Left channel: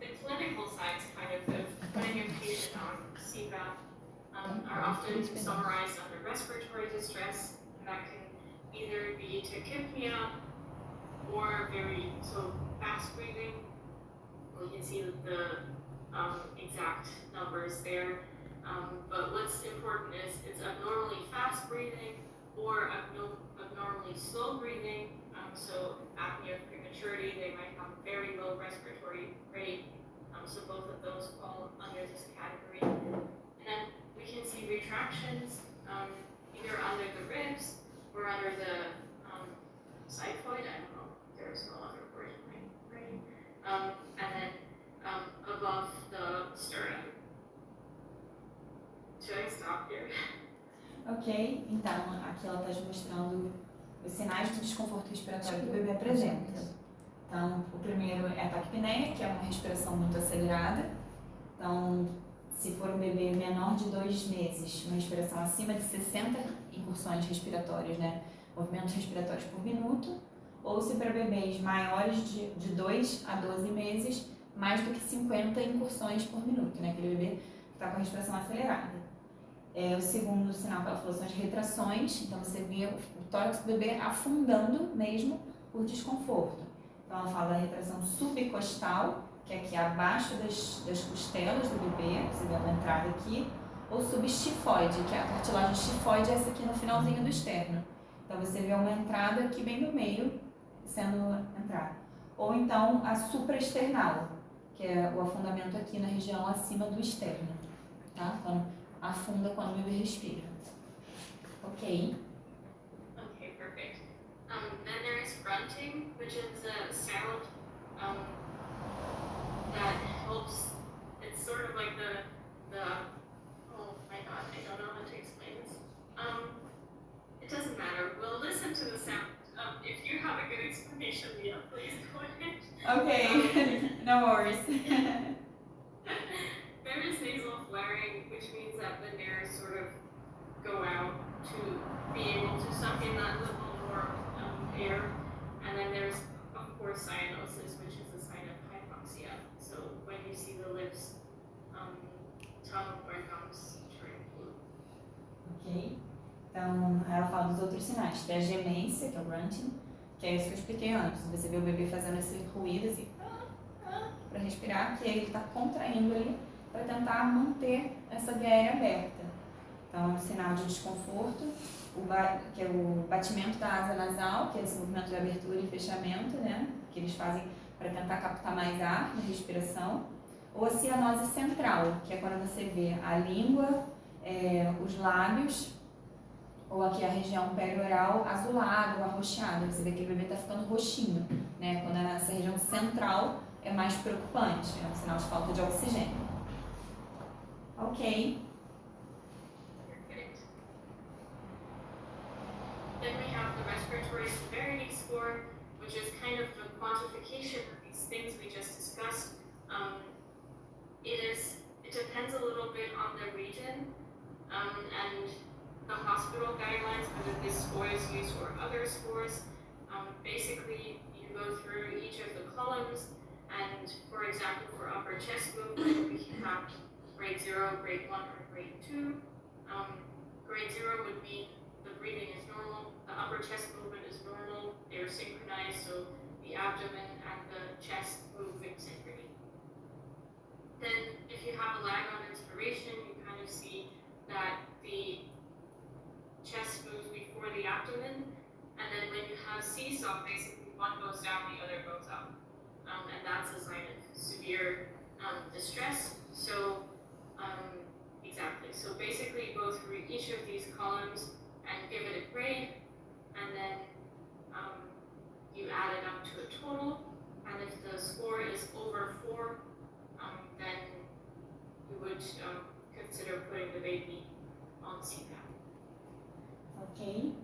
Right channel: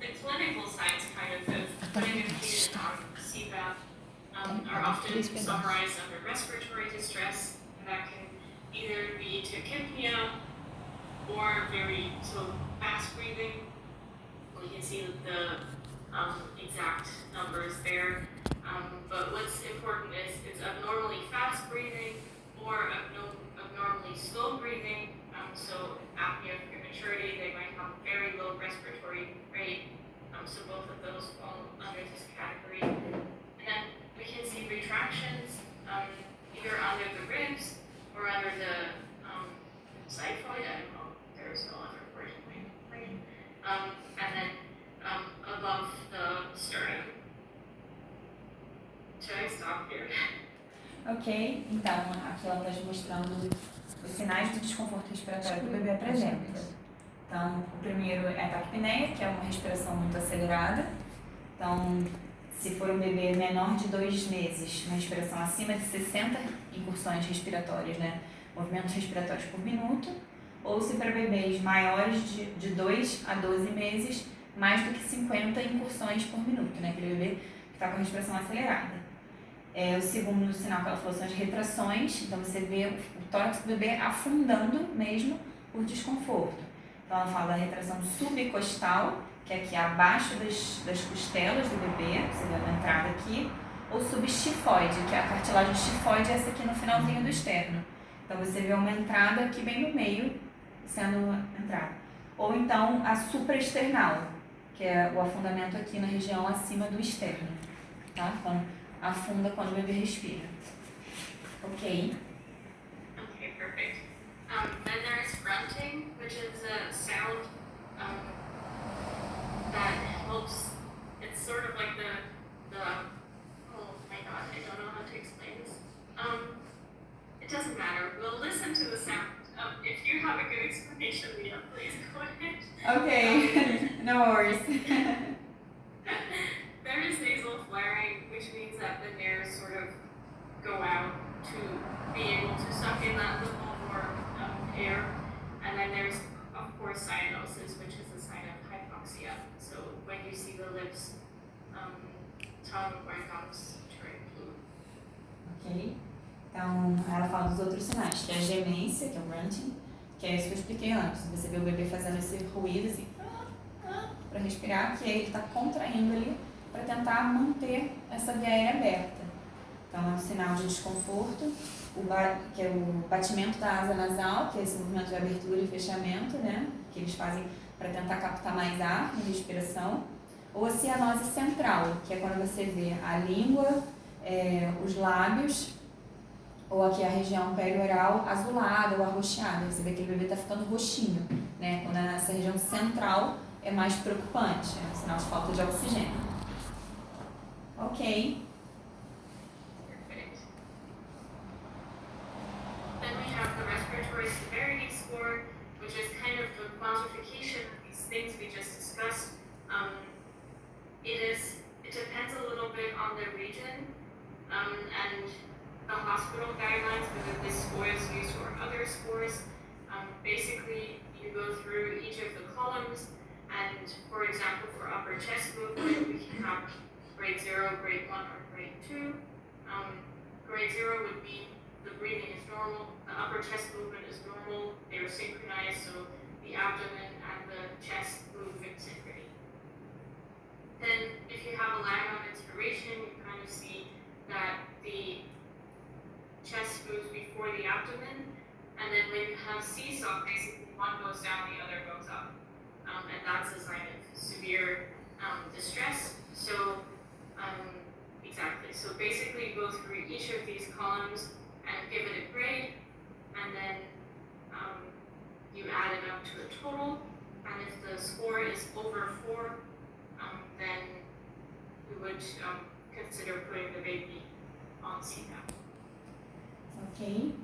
the clinical sides kind of putting a patient on CPAP are often summarized under respiratory distress. That can either be tachypnea or very fast breathing. You can see the exact numbers there. But what's important is it's abnormally fast breathing or abnormally slow breathing. So apnea of prematurity, they might have very low respiratory rate. So both of those fall under this category. And then we can see retractions either under the ribs or under the xiphoid. I don't know, there's no other word in my brain. And then above the sternum. Should I stop here? Ok, então aqui ela está mostrando os sinais de desconforto respiratório que o bebê apresenta. Então, o primeiro é a taquipneia, que é uma respiração muito acelerada. Então, se for um bebê menor de 2 meses, uma respiração acima de 60 incursões respiratórias, né, movimentos respiratórios por minuto, ou se para bebês maiores de 2 a 12 meses, mais do que 50 incursões por minuto, né, aquele bebê que está com a respiração acelerada. O segundo sinal que ela falou são as retrações, então você vê o tórax do bebê afundando mesmo por desconforto. Então ela fala da retração subcostal, que é aqui abaixo das costelas do bebê, você vê a entrada aqui, ou subestifoide, que é a cartilagem estifoide, essa aqui no finalzinho do externo. Então você vê uma entrada aqui bem no meio, sendo entrada. Ou então a supraesternal, que é o afundamento aqui na região acima do externo, tá? Então afunda quando o bebê respira. Ok. Okay, perfect. Then there's grunting, which is a sound that helps. It's sort of like the oh my god, I don't know how to explain this. It doesn't matter. We'll listen to the sound. If you have a good explanation, Leah, please go ahead. Okay, no worries. There is nasal flaring, which means that the nares sort of go out to be able to suck in that little more air. And then there's, of course, cyanosis, which is a sign of hypoxia. So when you see the lips, tongue, or gums turn blue. Ok. Então, ela fala dos outros sinais, que é a gemência, que é o grunting, que é isso que eu expliquei antes. Você vê o bebê fazendo esse ruído, assim, para respirar, que aí ele está contraindo ali para tentar manter essa via aérea aberta. Então, é um sinal de desconforto, que é o batimento da asa nasal, que é esse movimento de abertura e fechamento, né, que eles fazem para tentar captar mais ar na respiração. Ou a cianose central, que é quando você vê a língua, os lábios, ou aqui a região perioral azulada ou arroxeada. Você vê que o bebê está ficando roxinho, né? Quando essa região central é mais preocupante, é um sinal de falta de oxigênio. Ok. Perfect. Then we have the respiratory severity score, which is kind of the quantification of these things we just discussed. It depends a little bit on the region and the hospital guidelines, whether this score is used or other scores. Basically, you go through each of the columns, and for example, for upper chest movement, we can have grade 0, grade 1, or grade 2. Grade 0 would mean the breathing is normal, the upper chest movement is normal, they're synchronized, so the abdomen and the chest move in synchrony. Then, if you have a lag on inspiration, you kind of see that the chest moves before the abdomen, and then when you have seesaw, basically one goes down, the other goes up. And that's a sign of severe distress. So, exactly. So basically you go through each of these columns and give it a grade, and then you add it up to a total, and if the score is over 4, then we would consider putting the baby on CPAP. Ok.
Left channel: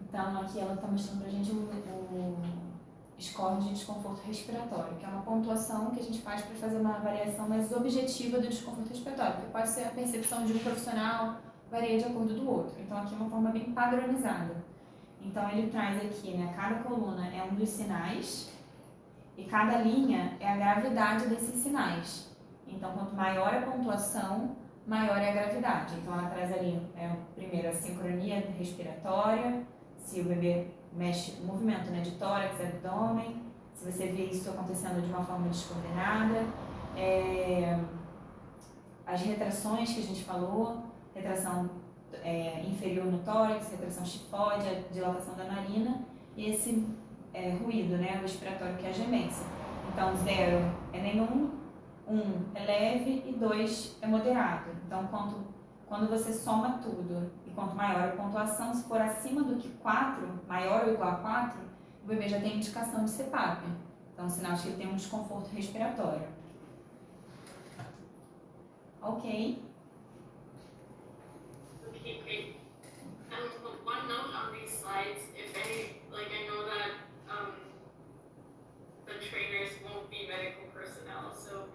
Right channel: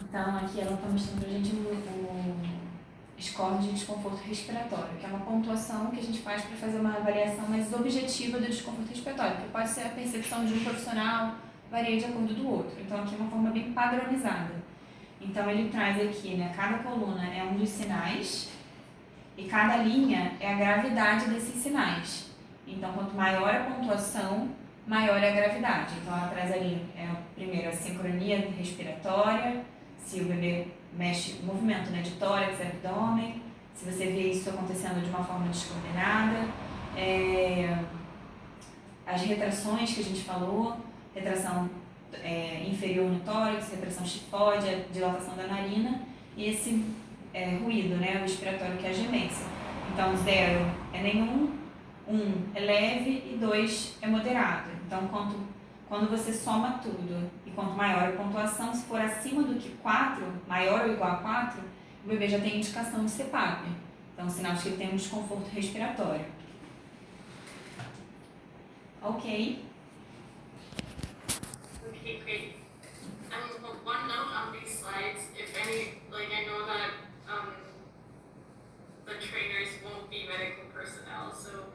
Então, aqui ela está mostrando pra gente o score de desconforto respiratório, que é uma pontuação que a gente faz para fazer uma avaliação mais objetiva do desconforto respiratório, que pode ser a percepção de um profissional, varia de acordo do outro. Então, aqui é uma forma bem padronizada. Então, ele traz aqui, né, cada coluna é um dos sinais, E cada linha é a gravidade desses sinais. Então, quanto maior a pontuação, maior é a gravidade. Então, ela traz ali, primeiro, a sincronia respiratória, se o bebê mexe, o movimento, né, de tórax, abdômen, se você vê isso acontecendo de uma forma descoordenada, as retrações que a gente falou, retração inferior no tórax, retração tifóide, a dilatação da narina, e esse ruído, né, o respiratório, que é a gemência. Então, 0 é nenhum, 1 é leve e 2 é moderado. Então, quando você soma tudo e quanto maior a pontuação, se for acima do que 4, maior ou igual a 4, o bebê já tem indicação de CPAP. Então, sinal de que ele tem um desconforto respiratório. Ok. Okay, great. One note on these slides, if any, like I know that the trainers won't be medical personnel, so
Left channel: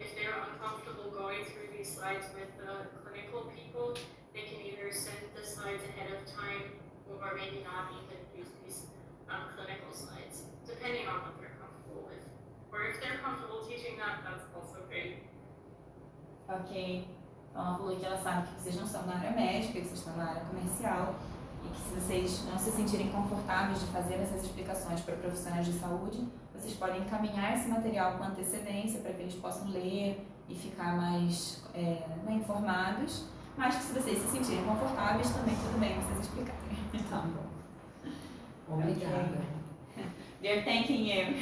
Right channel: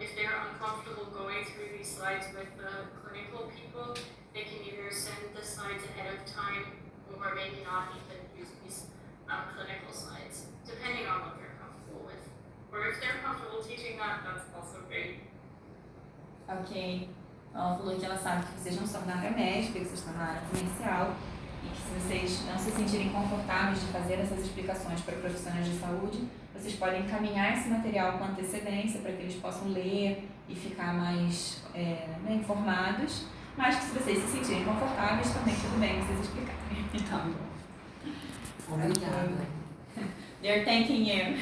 if they're uncomfortable going through these slides with the clinical people, they can either send the slides ahead of time or maybe not even use these clinical slides, depending on what they're comfortable with. Or if they're comfortable teaching that, that's also great. Ok. Ela falou que ela sabe que vocês não são da área médica, que vocês estão na área comercial e que se vocês não se sentirem confortáveis de fazer essas explicações para profissionais de saúde, vocês podem encaminhar esse material com antecedência para que eles possam ler e ficar mais informados, mas que se vocês se sentirem confortáveis, também tudo bem vocês explicarem. Tá bom. Obrigada. Okay. They're thanking you.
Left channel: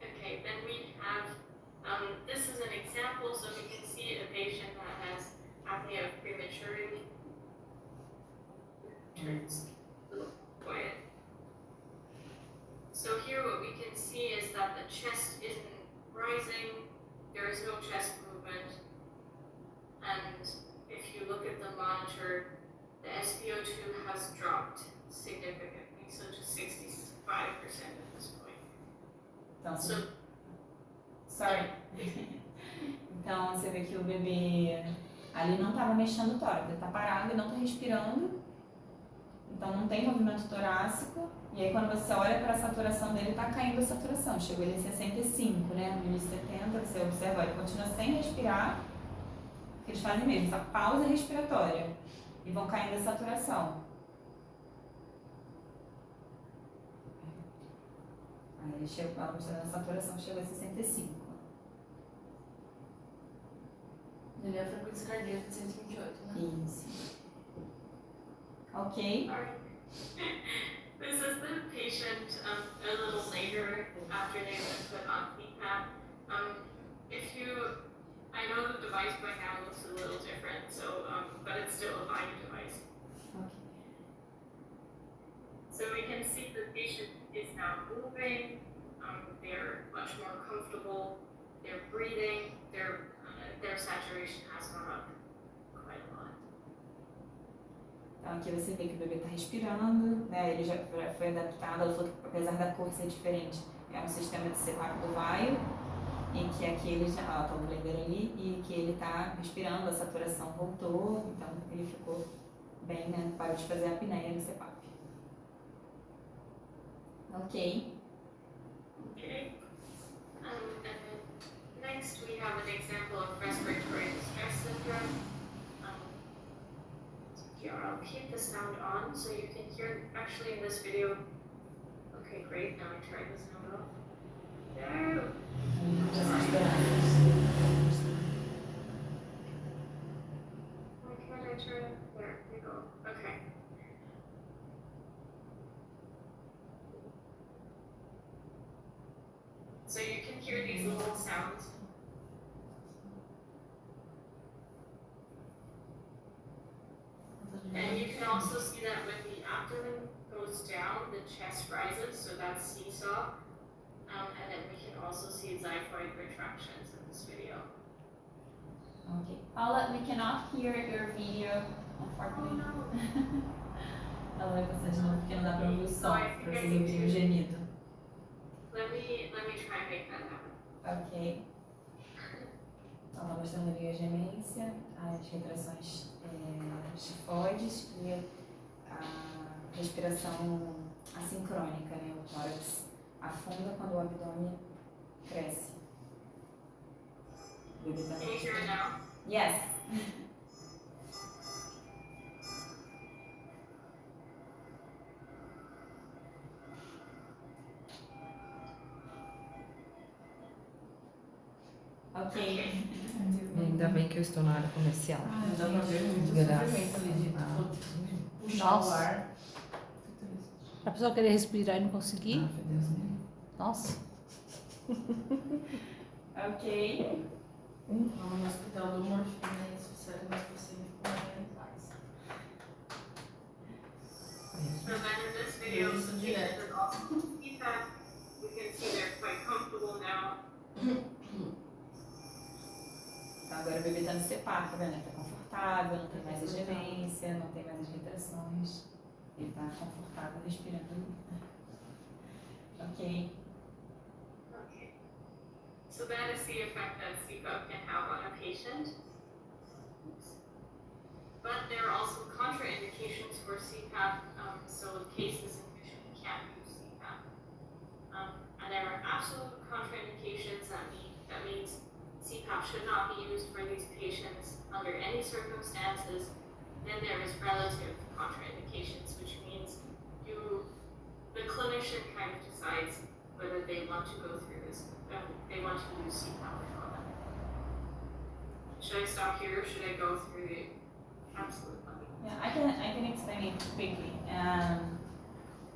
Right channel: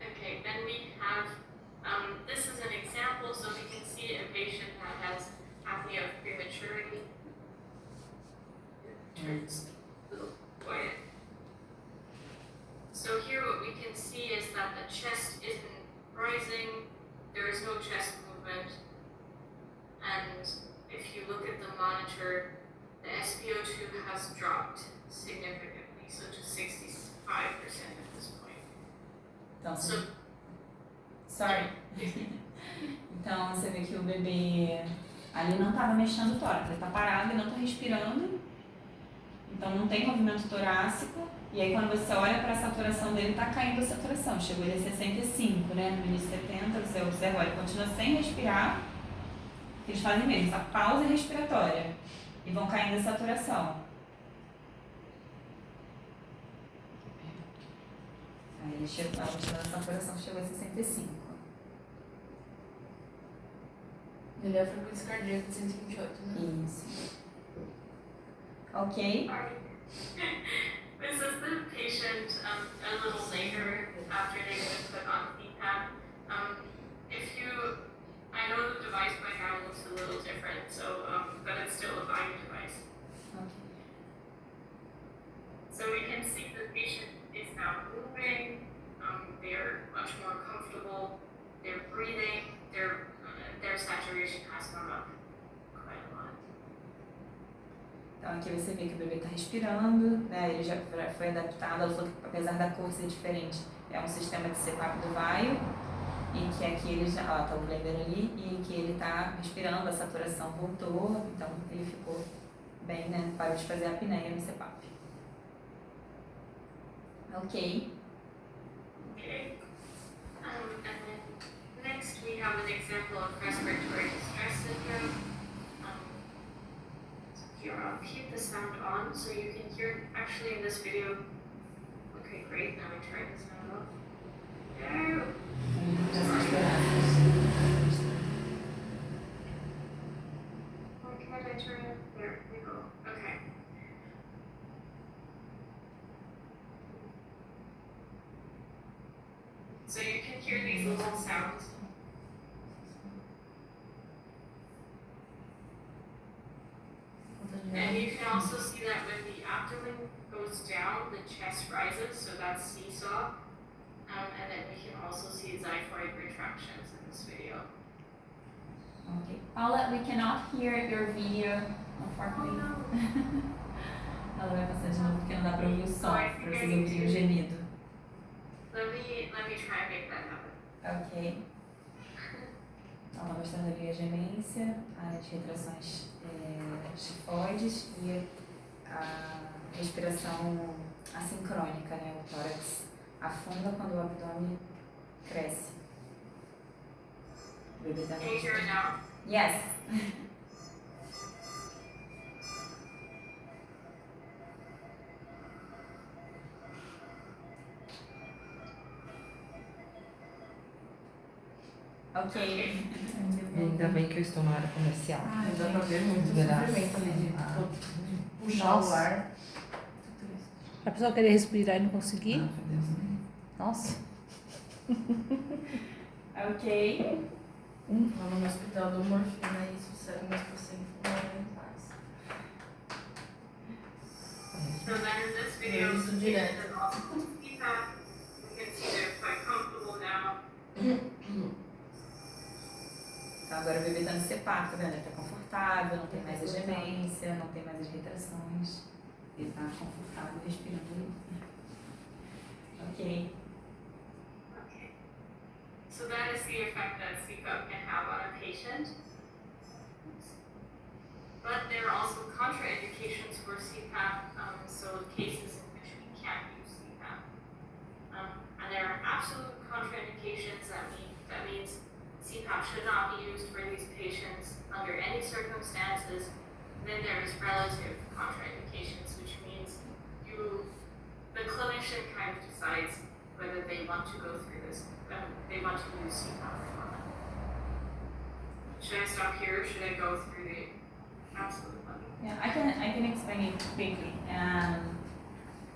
Okay, then we have, this is an example, so we can see a patient that has apnea of prematurity. Turns a little quiet. So here what we can see is that the chest isn't rising, there is no chest movement, and if you look at the monitor, the SpO2 has dropped significantly, so to 65% at this point. Então, So, sorry. Então, você vê que o bebê ali não estava mexendo o tórax, ele está parado, ele não está respirando, então não tem movimento torácico, e aí quando você olha para a saturação dele, está caindo a saturação, chegou ele a 65, né, no início de 70, você observa, ele continua sem respirar, eles fazem mesmo, essa pausa respiratória, e vão caindo a saturação. Aí ele chegou, a saturação chegou a 65. Ele é a frequência cardíaca de 128, né? Isso. Ok. this is the patient a little later after they've been put on CPAP. I know the device by now looks a little different, so but it's still a Vine device. Ok. So we can see the patient is now moving. They're much more comfortable. They're breathing. Their saturation has gone up quite a lot. Então aqui você vê que o bebê está respirando, né? Ele já foi adaptado, ela falou que apesar da cor ser diferente, é um sistema de CPAP do Vaio, em que aqui ele já, tá o blender ali, e que ele está respirando, a saturação voltou, então ele ficou bem, né? Parou de fazer a apneia no CPAP. Ok. Okay. And then next we have an example of respiratory distress syndrome. Here I'll keep the sound on so you can hear actually in this video. Okay, great. Now I turn the sound off. There. Why can't I turn it? There we go. Okay. So you can hear these little sounds. And you can also see that when the abdomen goes down, the chest rises, so that's seesaw. And then we can also see xiphoid retractions in this video. Ok. Paula, we cannot hear your video, unfortunately. Ela vai passar de novo porque não dá para ouvir o som, para vocês ouvirem o gemido. Let me try and make that happen. Ok. Então, ela mostrando ali a gemência, as retrações tifoides e a respiração assincrônica, né? O tórax afunda quando o abdômen cresce. O bebê Can you hear it now? Yes. Ok. Ainda bem que eu estou na área comercial. Ai, dá pra ver muito Graças sofrimento ali de a- puxar Nossa. o ar. A pessoa querer respirar e não conseguir. Ah, meu Deus, né? Nossa. Ok. Lá no hospital do morfina e sossego, mas você em paz. So then in this video, Isso direto. patients are also CPAP. You can see they're quite comfortable now. Então agora o bebê está no CPAP, tá vendo? Ele está confortável, não tem mais a gemência, não tem mais as retrações. Ele está confortável respirando. Ok. Okay. So that is the effect that CPAP can have on a patient. But there are also contraindications for CPAP, so cases in which we can't use CPAP. And there are absolute contraindications that means CPAP should not be used for these patients under any circumstances. Then there is relative contraindications, which means the clinician kind of decides whether they want to go through this, they want to use CPAP or not. Should I stop here or should I go through the absolute one? Yeah, I can explain it quickly.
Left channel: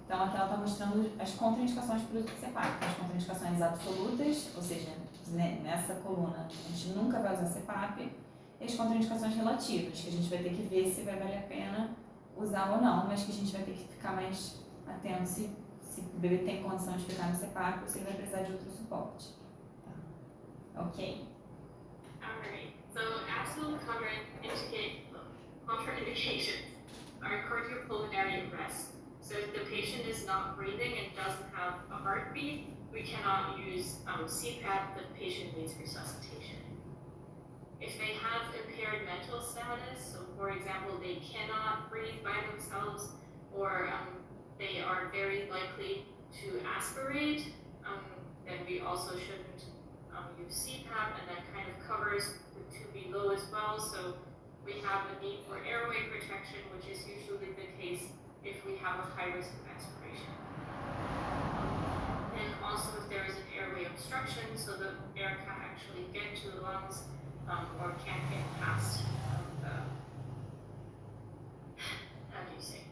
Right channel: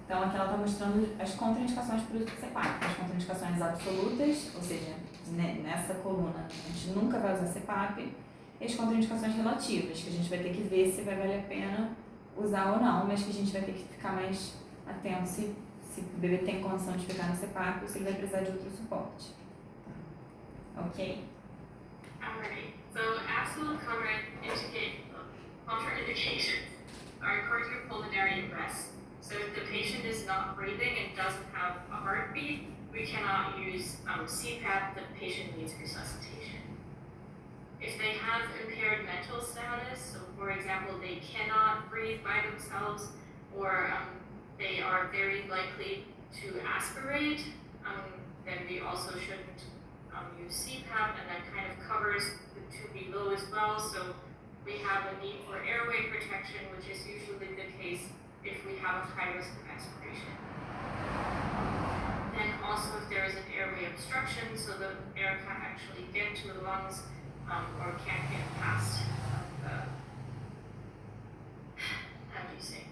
Então aqui ela está mostrando as contraindicações para o uso do CPAP. As contraindicações absolutas, ou seja, nessa coluna a gente nunca vai usar CPAP. E as contraindicações relativas, que a gente vai ter que ver se vai valer a pena usar ou não, mas que a gente vai ter que ficar mais atento se o bebê tem condição de ficar no CPAP ou se ele vai precisar de outro suporte. Ok? Alright, so absolute contraindications are cardiopulmonary arrest. So if the patient is not breathing and doesn't have a heartbeat, we cannot use CPAP, the patient needs resuscitation. If they have impaired mental status, so for example, they cannot breathe by themselves, or they are very likely to aspirate, then we also shouldn't use CPAP, and that kind of covers the two below as well. So we have a need for airway protection, which is usually the case if we have a high risk of aspiration. And also if there is an airway obstruction, so the air can't actually get to the lungs, or can't get past how do you say?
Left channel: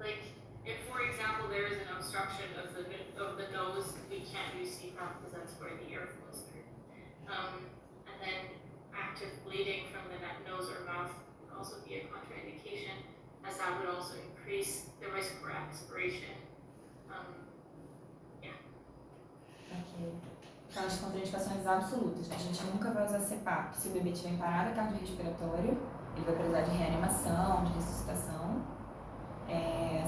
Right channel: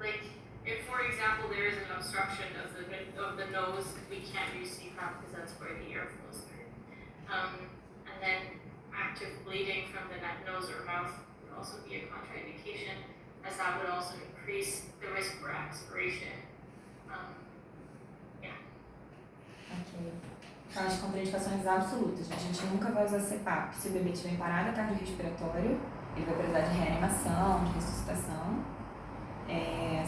Like, if for example there is an obstruction of the nose, we can't use CPAP because that's where the air flows through. And then active bleeding from the nose or mouth would also be a contraindication, as that would also increase the risk for aspiration. Ok. Então, as contraindicações absolutas. A gente nunca vai usar CPAP se o bebê tiver em parada cardiorrespiratória, ele vai precisar de reanimação, de ressuscitação.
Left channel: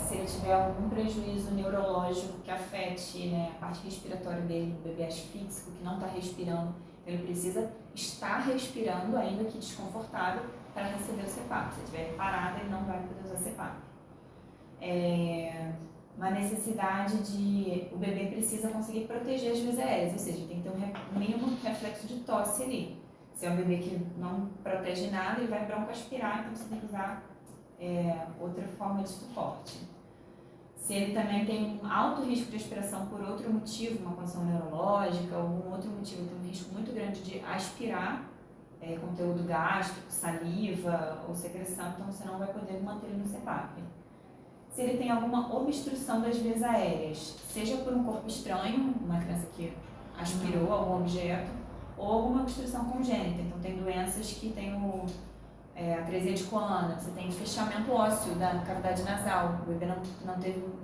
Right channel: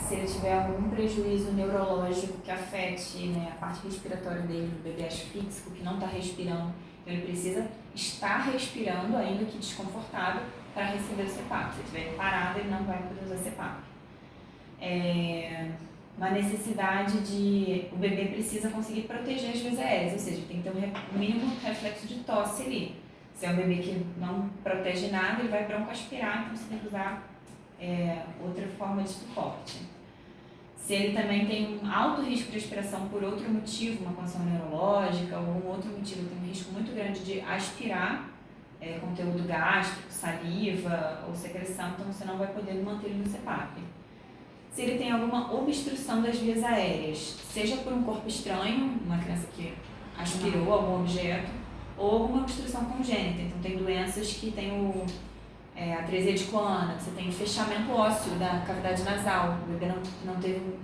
Se ele tiver algum prejuízo neurológico que afete, né, a parte respiratória dele, do bebê asfíxico, que não está respirando, então ele precisa estar respirando, ainda que desconfortável, para receber o CPAP. Se ele estiver em parada, ele não vai poder usar CPAP. Uma necessidade de... O bebê precisa conseguir proteger as vias aéreas, ou seja, tem que ter um mínimo reflexo de tosse ali. Se é um bebê que não protege nada, ele vai broncoaspirar, então você tem que usar outra forma de suporte. Se ele também tem um alto risco de aspiração por outro motivo, uma condição neurológica, algum outro motivo, tem um risco muito grande de aspirar conteúdo gástrico, saliva ou secreção, então você não vai poder manter ele no CPAP. Se ele tem alguma obstrução das vias aéreas, seja por um corpo estranho, uma criança que aspirou algum objeto, ou alguma obstrução congênita. Então, tem doenças que tem atresia de coluna, você tem fechamento ósseo da cavidade nasal, o bebê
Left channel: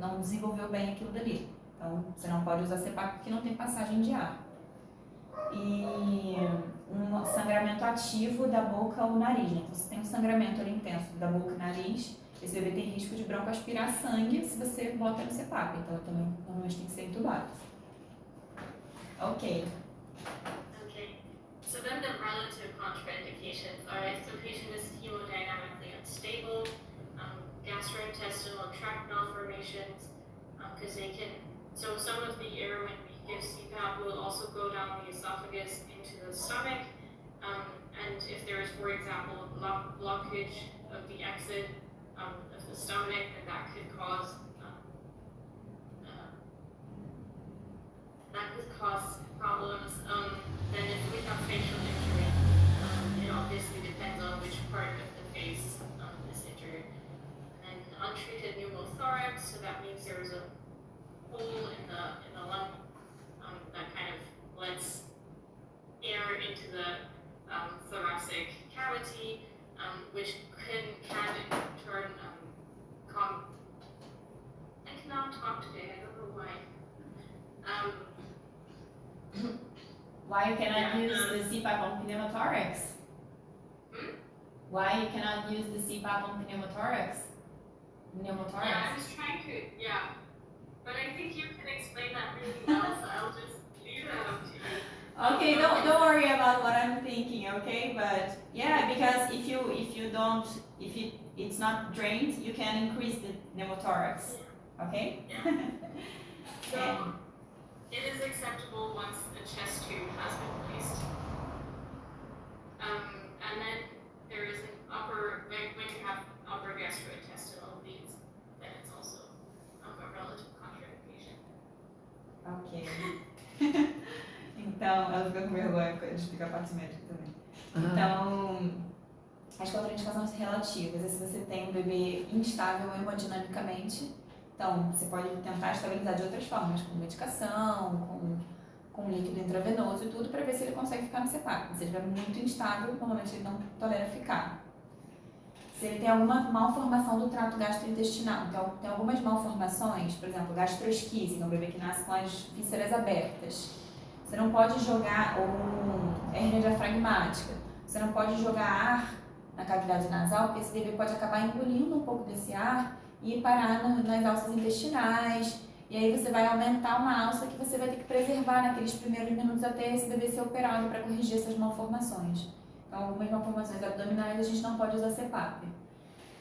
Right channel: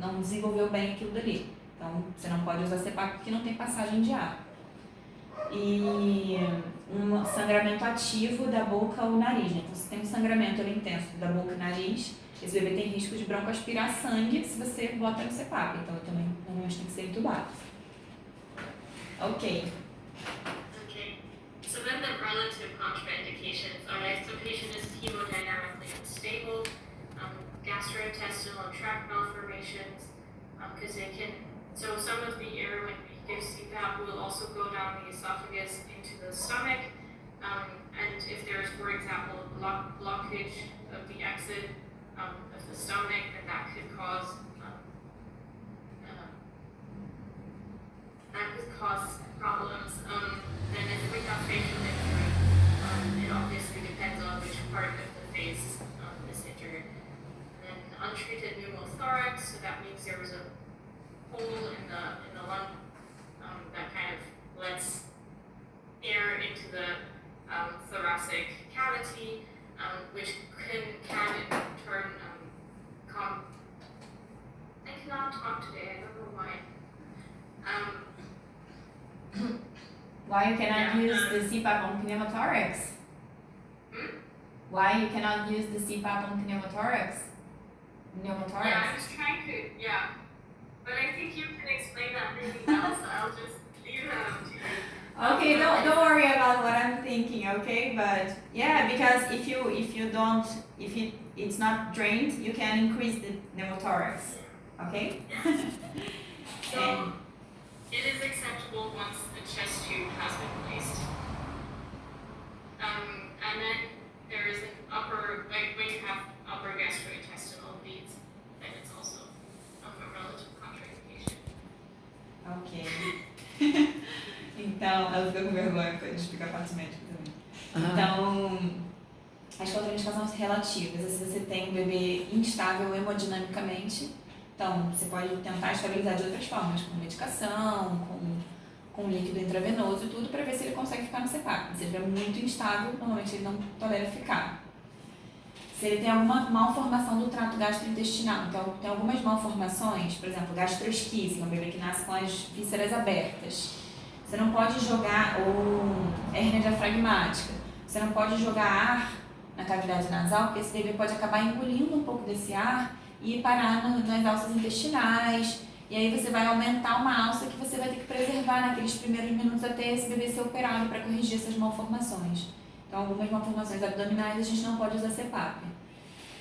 não desenvolveu bem aquilo dali. Então, você não pode usar CPAP porque não tem passagem de ar. E um sangramento ativo da boca ou nariz. Então, se tem um sangramento ali intenso da boca e nariz, esse bebê tem risco de broncoaspirar sangue se você bota no CPAP. Então, também normalmente tem que ser entubado. Ok. Okay. So then the relative contraindications are if the patient is hemodynamically unstable, gastrointestinal tract malformations, because they can, so some of the air when we give CPAP will also go down the esophagus into the stomach, and if there's, for example, blockage of the exit of the stomach, then that could cause problems. Then if we have facial injury, it obviously depends on which part of the face is injured. And then untreated pneumothorax, so that means there was a hole in the lung that kind of lets air into the thoracic cavity, which can in turn I cannot talk today. I don't know why. Why you cannot Yeah, use the CPAP on pneumothorax? Why you cannot use the CPAP on pneumothorax? Yeah, I was trying to, but I think you can explain that really well, so I'll just leave that up to you. Okay, don't worry about what I'm thinking, okay? But yeah, because if it's not drained, you can increase the pneumothorax, okay? Yeah. So it is acceptable once the chest tube has been placed. And then there is an upper, like when you have upper gastrointestinal bleeds, then it's also a relative contraindication. Ok. Então, ela fica com vergonha de explicar a parte médica também. Então, as contraindicações relativas é se você tem um bebê instável hemodinamicamente. Então, você pode tentar estabilizar de outras formas, com medicação, com líquido intravenoso e tudo, para ver se ele consegue ficar no CPAP. Se ele estiver muito instável, normalmente ele não tolera ficar. Se ele tem alguma malformação do trato gastrointestinal, então tem algumas malformações, por exemplo, gastroesquise, um bebê que nasce com as vísceras abertas. Você não pode jogar, ou hérnia diafragmática, você não pode jogar ar na cavidade nasal, porque esse bebê pode acabar engolindo um pouco desse ar e parar nas alças intestinais, e aí você vai aumentar uma alça que você vai ter que preservar naqueles primeiros minutos até esse bebê ser operado para corrigir essas malformações. Então, algumas malformações abdominais a gente não pode usar CPAP.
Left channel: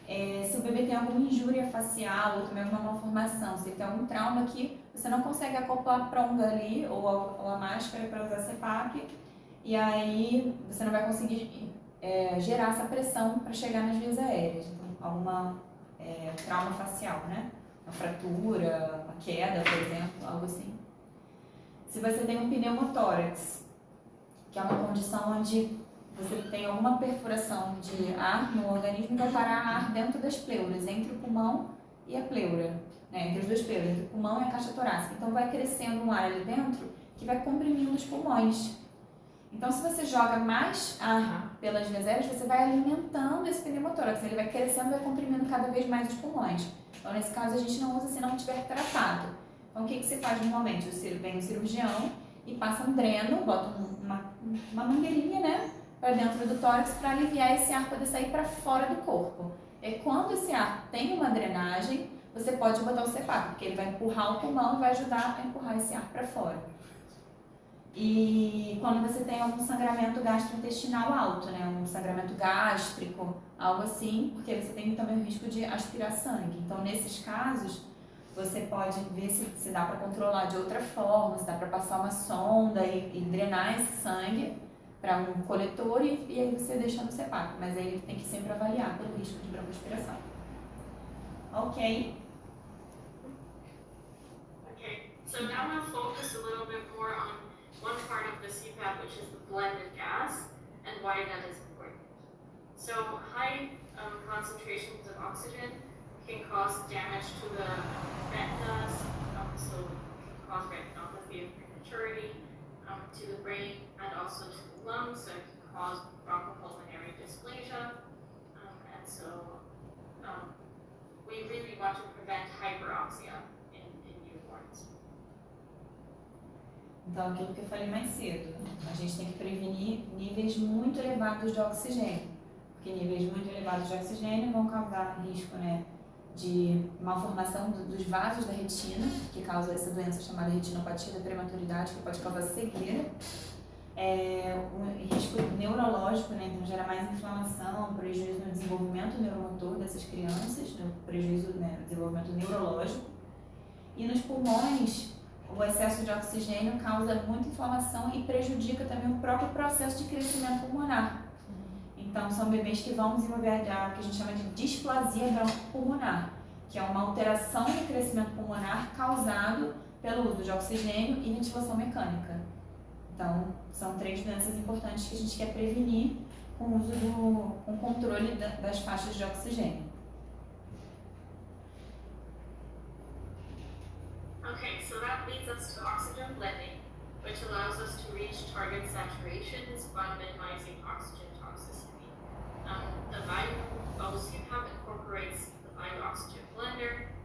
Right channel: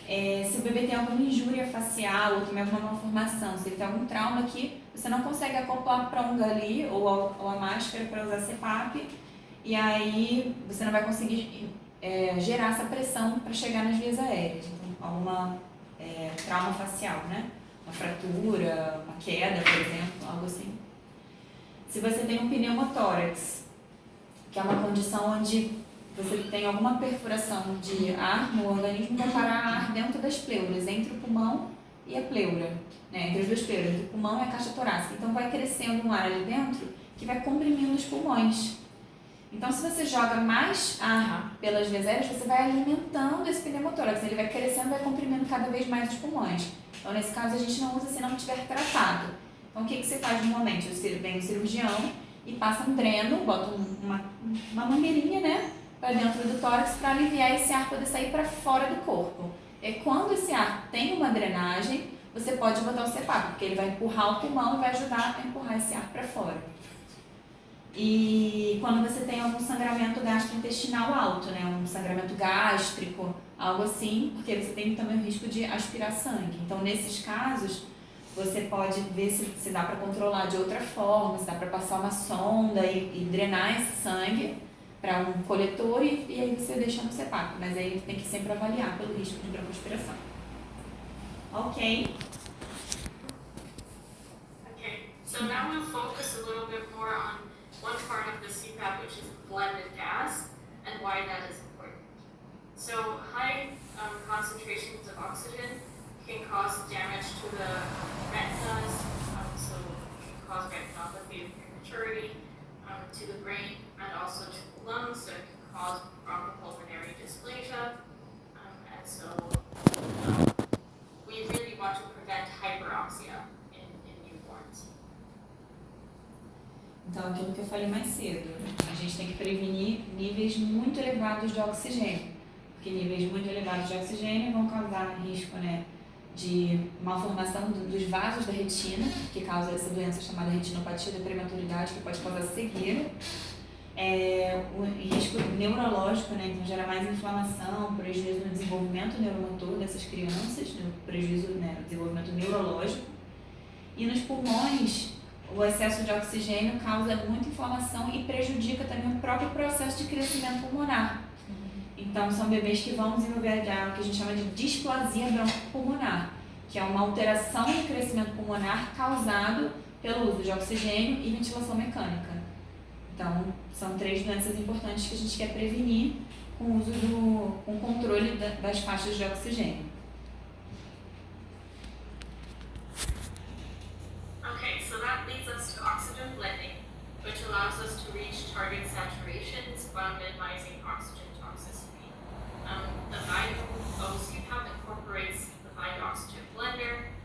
Se o bebê tem alguma injúria facial ou também alguma malformação, se ele tem algum trauma que você não consegue acoplar a pronga ali ou a máscara para usar CPAP, e aí você não vai conseguir gerar essa pressão para chegar nas vias aéreas. Então, alguma trauma facial, né? Uma fratura, uma queda, por exemplo, algo assim. Se você tem um pneumotórax, que é uma condição onde você tem alguma perfuração de ar no organismo, vai parar ar dentro das pleuras, entre o pulmão e a pleura, né? Entre as duas pleuras, entre o pulmão e a caixa torácica. Então vai crescendo um ar ali dentro que vai comprimindo os pulmões. Então, se você joga mais ar pelas vias aéreas, você vai alimentando esse pneumotórax, ele vai crescendo e vai comprimindo cada vez mais os pulmões. Então, nesse caso, a gente não usa se não tiver tratado. Então, o que você faz normalmente? Vem o cirurgião e passa um dreno, bota uma mangueirinha, né, para dentro do tórax para aliviar esse ar poder sair para fora do corpo. E quando esse ar tem uma drenagem, você pode botar o CPAP, porque ele vai empurrar o pulmão e vai ajudar a empurrar esse ar para fora. E quando você tem algum sangramento gastrointestinal alto, né, um sangramento gástrico, algo assim, porque você tem também o risco de aspirar sangue. Então, nesses casos, você pode ver se dá para controlar de outra forma, se dá para passar uma sonda e drenar esse sangue para um coletor e aí você deixa no CPAP. Mas aí tem que sempre avaliar pelo risco de broncoaspiração. Ok. Okay, so now we'll focus a little bit more on one part of the CPAP, which is the blended gas, and why that is important. So high concentrations of oxygen can cause damage to the retinas, so it can cause retinopathy of prematurity, to the brain, and also to the lungs, so it can cause bronchopulmonary dysplasia, and so we really want to prevent hyperoxia in newborns. Então, aquilo que eu falei mais cedo, a gente tem que prevenir níveis muito elevados de oxigênio, porque níveis muito elevados de oxigênio vão causar risco, né, de malformação dos vasos da retina, que causa essa doença chamada retinopatia da prematuridade, que pode causar cegueira, O risco neurológico, né? Então gera mais inflamação, prejuízo no desenvolvimento neuromotor dessas crianças, no prejuízo, né, no desenvolvimento neurológico. E nos pulmões, o excesso de oxigênio causa muita inflamação e prejudica também o próprio processo de crescimento pulmonar. Então, são bebês que vão desenvolver o que a gente chama de displasia broncopulmonar, que é uma alteração do crescimento pulmonar causado pelo uso de oxigênio e ventilação mecânica. Então, são 3 doenças importantes que a gente quer prevenir com o uso com o controle das faixas de oxigênio. Okay, so that leads us to oxygen blending, which allows us to reach target saturations while minimizing oxygen toxicity. The Vayu CPAP incorporates the Vayu Oxygen Blender.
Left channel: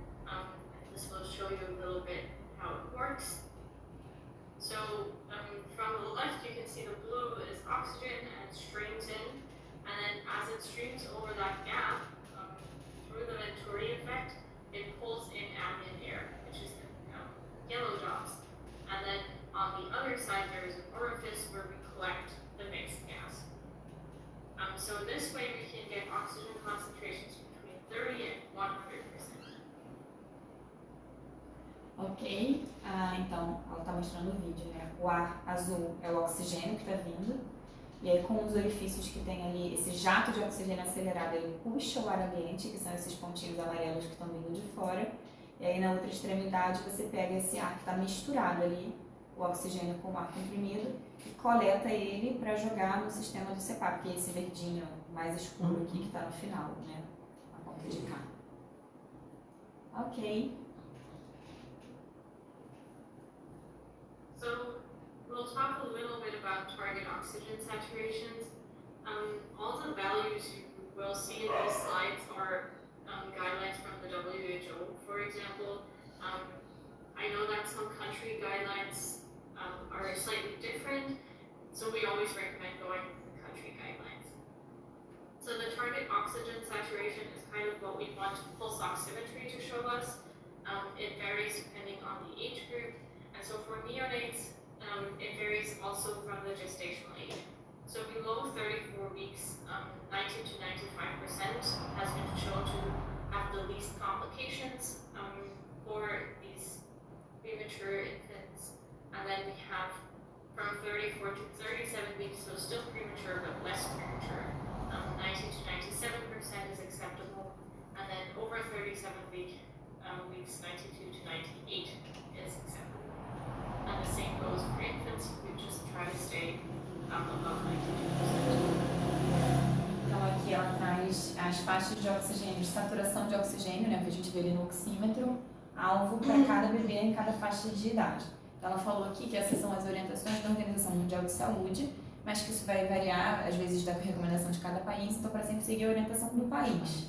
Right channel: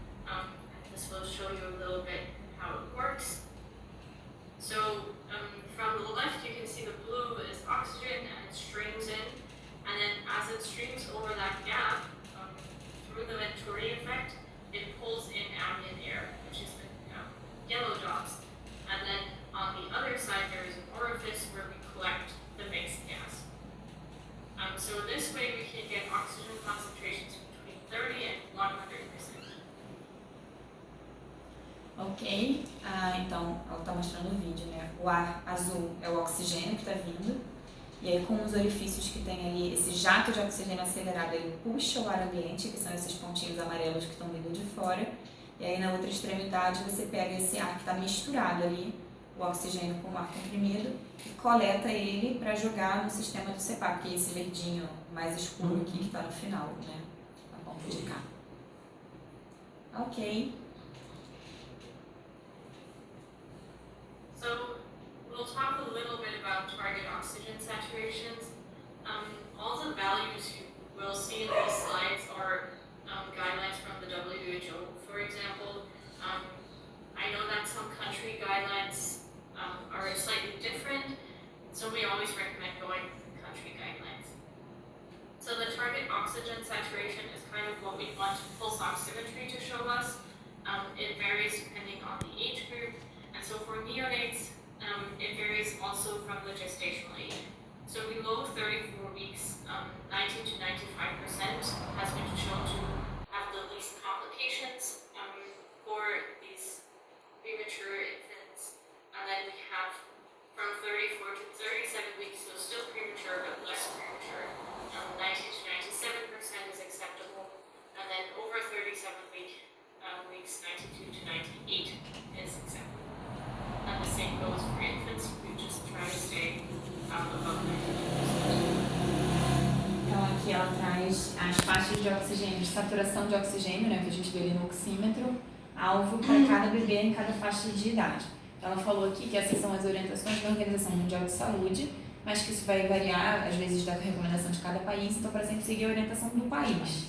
This will show you a little bit how it works. So from the left, you can see the blue is oxygen and it streams in, and then as it streams over that gap, through the Venturi effect, it pulls in ambient air, which is the yellow dots. And then on the other side, there is an orifice where we collect the mixed gas. So this way, we can get oxygen concentrations between 30 and 100%. Ok? Então, ela está mostrando o vídeo, né? O ar azul é o oxigênio que está vindo, e aí com os orifícios que tem ali, esse jato de oxigênio acelerado, ele puxa o ar ambiente, que são esses pontinhos amarelos que estão vindo de fora, e aí na outra extremidade você pega esse ar que está misturado ali, o oxigênio com o ar comprimido, e coleta ele para jogar no sistema do CPAP, que é esse verdinho mais escuro aqui que está no final, né? Na ponta de cá. Ok. So we'll talk a little bit about target oxygen saturations. All the values you will see in these slides are guidelines from the WHO. For example, I know that some country guidelines are slightly different, so we always recommend going with the country guidelines. So the target oxygen saturation is kind of what we want pulse oximetry to show us. It varies depending on the age group. And so for neonates, it varies also from the gestational age. So below 34 weeks, 90 to 95% has been shown to have the least complications for these premature infants. And then we have from 34 to 37 weeks, so still premature but less premature. 90 to 97% is acceptable. And then over 37 weeks, 92 to 98 is acceptable. And the same goes for infants, we just try to stay above 90%. Então aqui ela traz as faixas de oxigênio, de saturação de oxigênio, né, que a gente vê ali no oxímetro, alvo para cada bebê em cada faixa de idade. Então ela falou aqui que essas são as orientações da Organização Mundial de Saúde, mas que isso vai variar, às vezes, da recomendação de cada país, então para sempre seguir a orientação do país.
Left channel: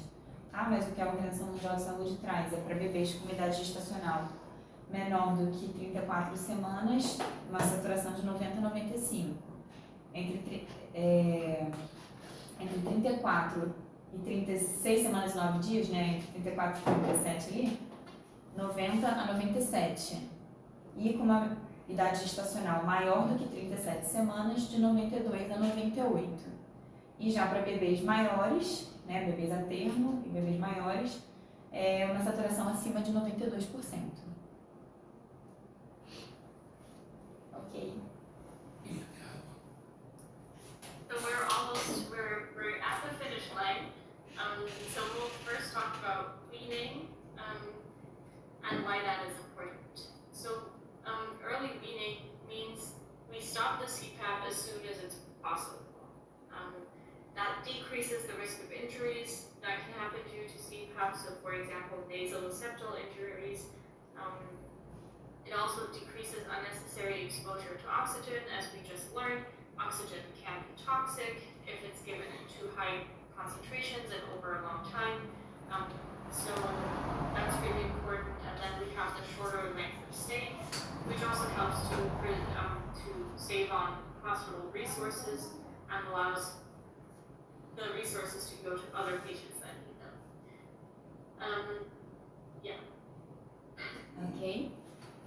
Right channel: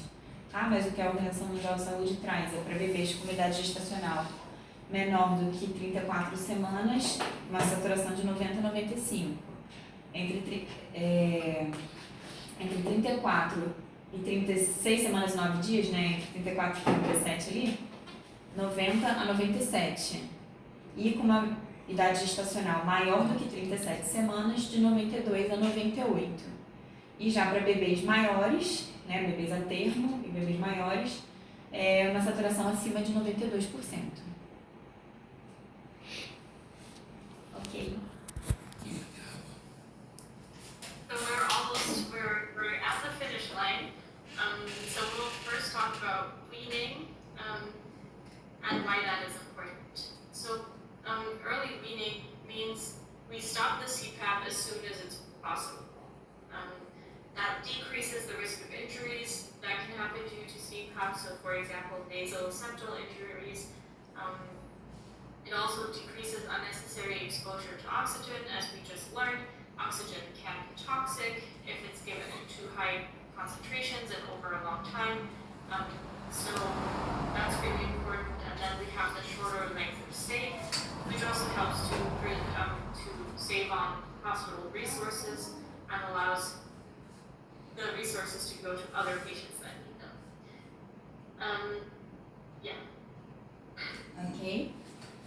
Tá? Mas o que a Organização Mundial de Saúde traz é para bebês com idade gestacional menor do que 34 semanas, uma saturação de 90 a 95. Entre 34 e 36 semanas e 9 dias, né, entre 34 e 37 ali, 90 a 97. E com uma idade gestacional maior do que 37 semanas, de 92 a 98. E já para bebês maiores, né, bebês a termo e bebês maiores, uma saturação acima de 92%. Ok. So we're at the finish line. So we'll first talk about weaning and why that is important. So early weaning means we stop the CPAP as soon as it's possible. That decreases the risk of injuries that can happen due to CPAP. So for example, nasal-septal injuries. It also decreases unnecessary exposure to oxygen. As we just learned, oxygen can be toxic if it's given in too high concentrations and over a long time. So that's really important. And then we have the shorter length of stay, which also helps to save on hospital resources and allows the resources to go to other patients that need them. Ok?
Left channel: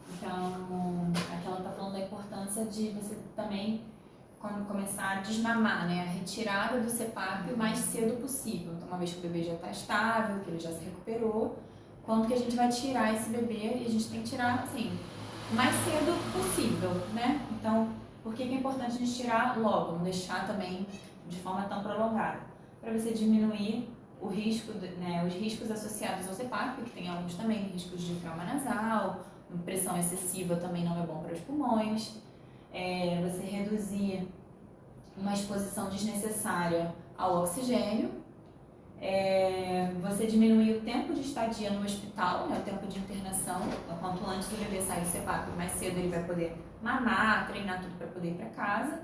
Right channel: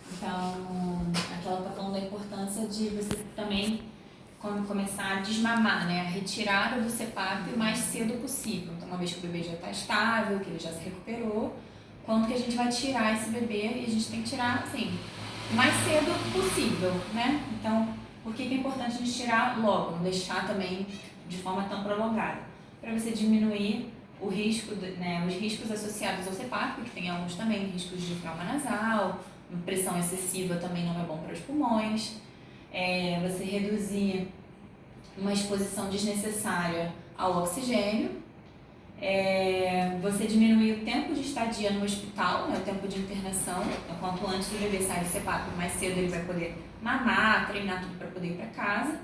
Então, aqui ela está falando da importância de você também começar a desmamar, né? A retirada do CPAP o mais cedo possível. Então, uma vez que o bebê já está estável, que ele já se recuperou, quando que a gente vai tirar esse bebê? E a gente tem que tirar, assim, o mais cedo possível, né? Então, por que é importante a gente tirar logo, não deixar também de forma tão prolongada? Para você diminuir o risco, né, os riscos associados ao CPAP, que tem alguns também, riscos de trauma nasal, pressão excessiva também não é bom para os pulmões, você reduzir uma exposição desnecessária ao oxigênio, você diminuir o tempo de estadia no hospital, né, o tempo de internação. Então, quanto antes o bebê sair do CPAP, mais cedo ele vai poder mamar, treinar tudo para poder ir para casa.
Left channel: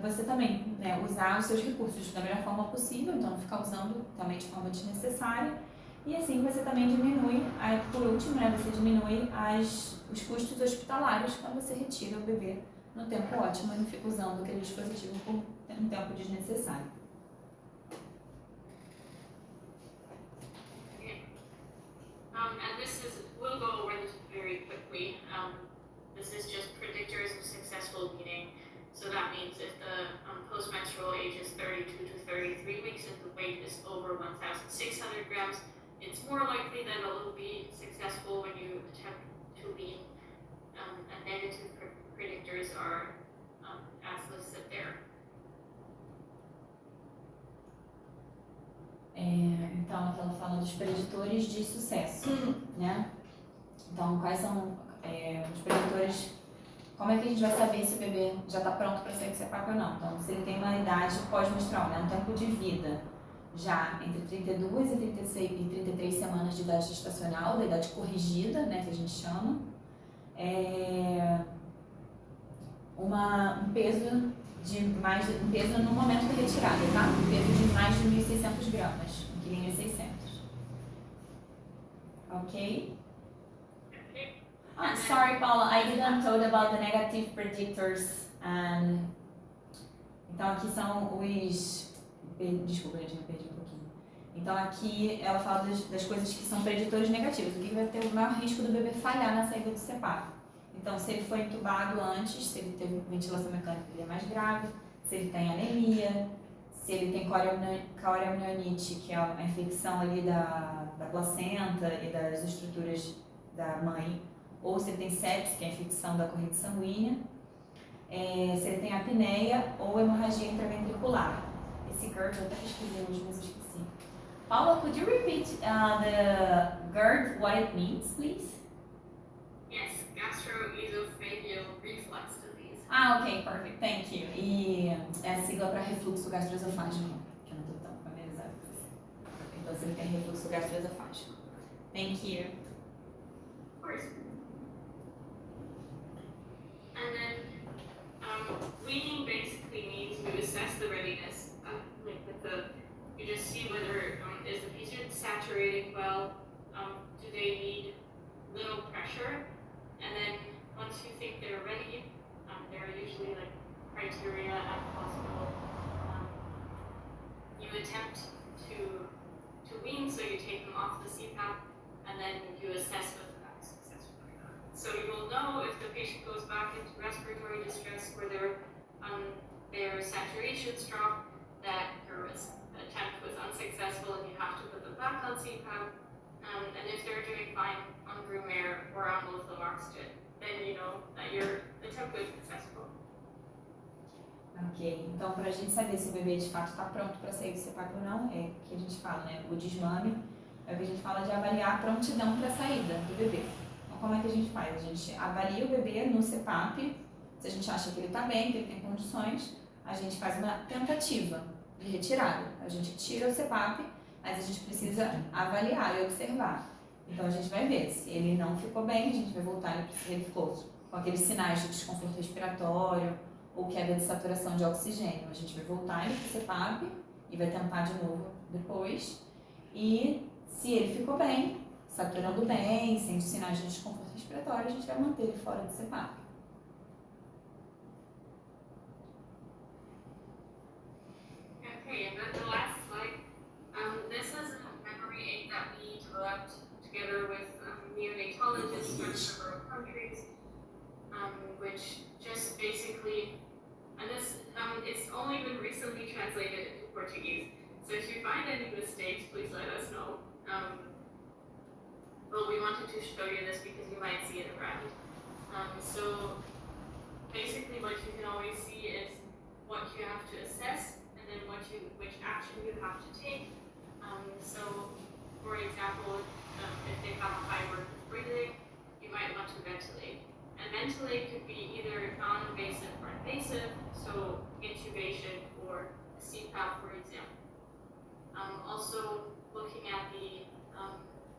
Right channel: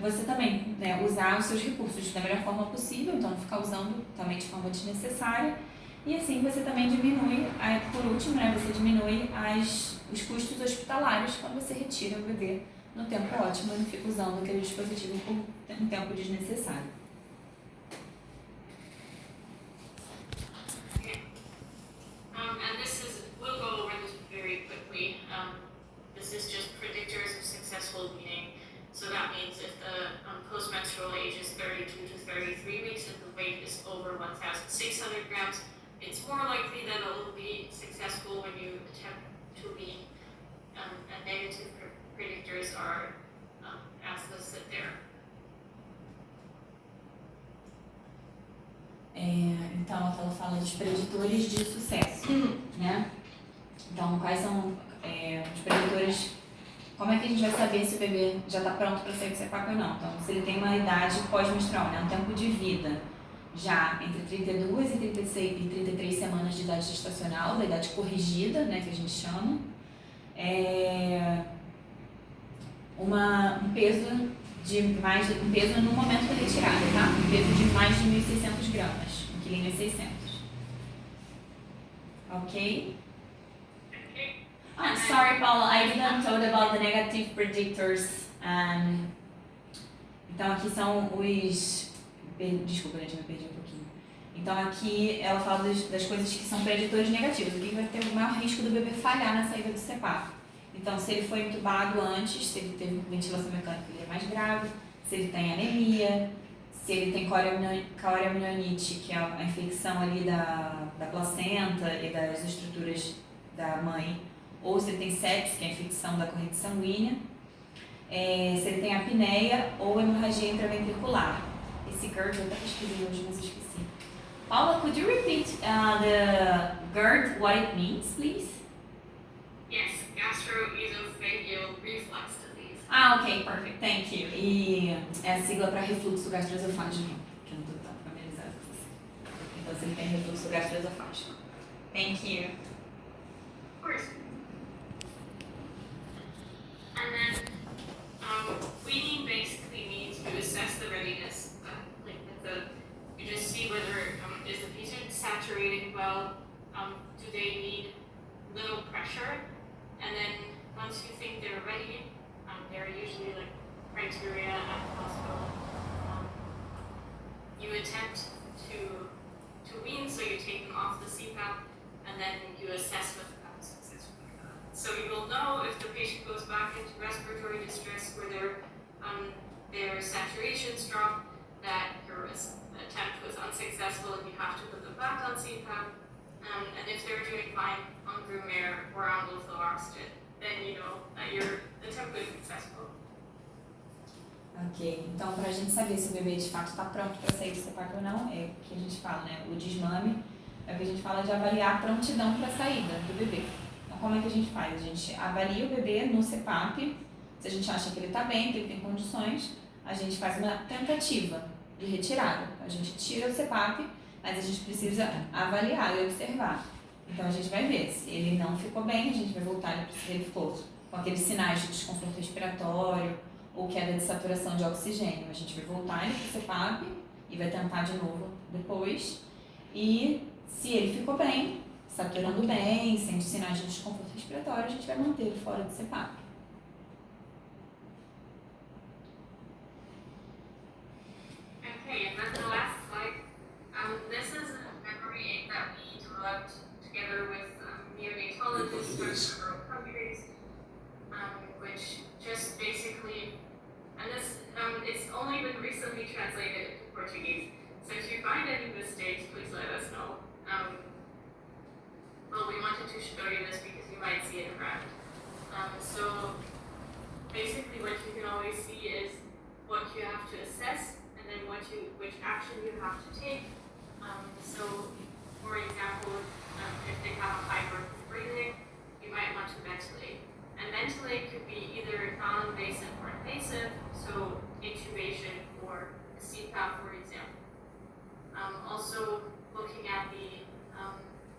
Você também, né, usar os seus recursos da melhor forma possível, então não ficar usando também de forma desnecessária. E assim você também diminui, por último, né, você diminui os custos hospitalares quando você retira o bebê no tempo ótimo e não fica usando aquele dispositivo por um tempo desnecessário. And we'll go over this very quickly. This is just predictors of successful weaning. So that means if the postmenstrual age is 32 to 33 weeks and the weight is over 1,600 grams, it's more likely that it will be successful when you attempt to wean. And negative predictors are as listed there. Então, ela fala dos preditores de sucesso, né? Então, quais são os preditores? Como é que a gente vai saber se o bebê já está pronto para sair do CPAP ou não? Então, se ele tem uma idade pós-menstrual, né? Um tempo de vida já entre 32 e 33 semanas de idade gestacional, da idade corrigida, né, que a gente chama, um peso no momento da retirada, tá? Um peso de mais de 1.600 gramas, 1,6 kg. Ok? Sorry, Paula, I didn't talk about the negative predictors. Então, aqui são os... Desculpa, gente, me perdi um pouquinho. Então, aqui ela fala das coisas que são preditores negativos. O que vai ter o maior risco do bebê falhar na saída do CPAP? Então, se ele foi entubado antes, se ele teve ventilação mecânica, ele é mais grave. Se ele tem anemia, se ele tem coreamnioniite, que é a infecção ali da placenta e das estruturas da mãe, ou se ele tem sepsis, que é a infecção da corrente sanguínea, se ele tem apneia ou hemorragia intraventricular. Esse GERD eu até pesquisei hoje, mas eu esqueci. Paula, could you repeat the GERD, what it means, please? Yes, gastroesophageal reflux disease. Ok, perfect, thank you. E é a sigla para refluxo gastroesofágico, que eu não estou tão familiarizada com isso. Então, se ele tem refluxo gastroesofágico. Thank you. Of course. And then weaning basically means you assess the readiness. You just see whether is the patient saturating well, do they need little pressure, and then once you think they're ready, there are usually like criteria at the hospital. You attempt to wean, so you take them off the CPAP, and then you assess whether that was successful or not. So you will know if the patient goes back into respiratory distress where their saturations drop, that your attempt was unsuccessful and you have to put them back on CPAP. And if they're doing fine on room air or on low flow oxygen, then you know that your attempt was successful. Ok, então para a gente saber se o bebê de fato está pronto para sair do CPAP ou não, é o que a gente fala, né? O desmame é o que a gente fala de avaliar a prontidão para a saída do bebê. Então, como é que a gente faz? A gente avalia o bebê no CPAP, se a gente acha que ele está bem, que ele tem condições, a gente faz uma tentativa de retirada. A gente tira o CPAP, mas a gente precisa avaliar e observar. Então a gente vai ver se ele não ficou bem, a gente vai voltar, se ele ficou com aqueles sinais de desconforto respiratório ou queda de saturação de oxigênio. A gente vai voltar ele para o CPAP e vai tentar de novo depois. E se ele ficou bem, saturando bem, sem sinais de desconforto respiratório, a gente vai manter ele fora do CPAP. Okay, and then the last slide. This is a memory aid that we developed together with neonatologists from several countries, which just basically let me translate it into Portuguese. So if you find any mistakes, please let us know. Well, we wanted to show you this because you might see it around. So basically what you can always see is what you have to assess and then which action you have to take. So for example, if they have high burden of breathing, you might want to ventilate. And ventilate could be either non-invasive or invasive, so intubation or a CPAP, for example. Also, looking at the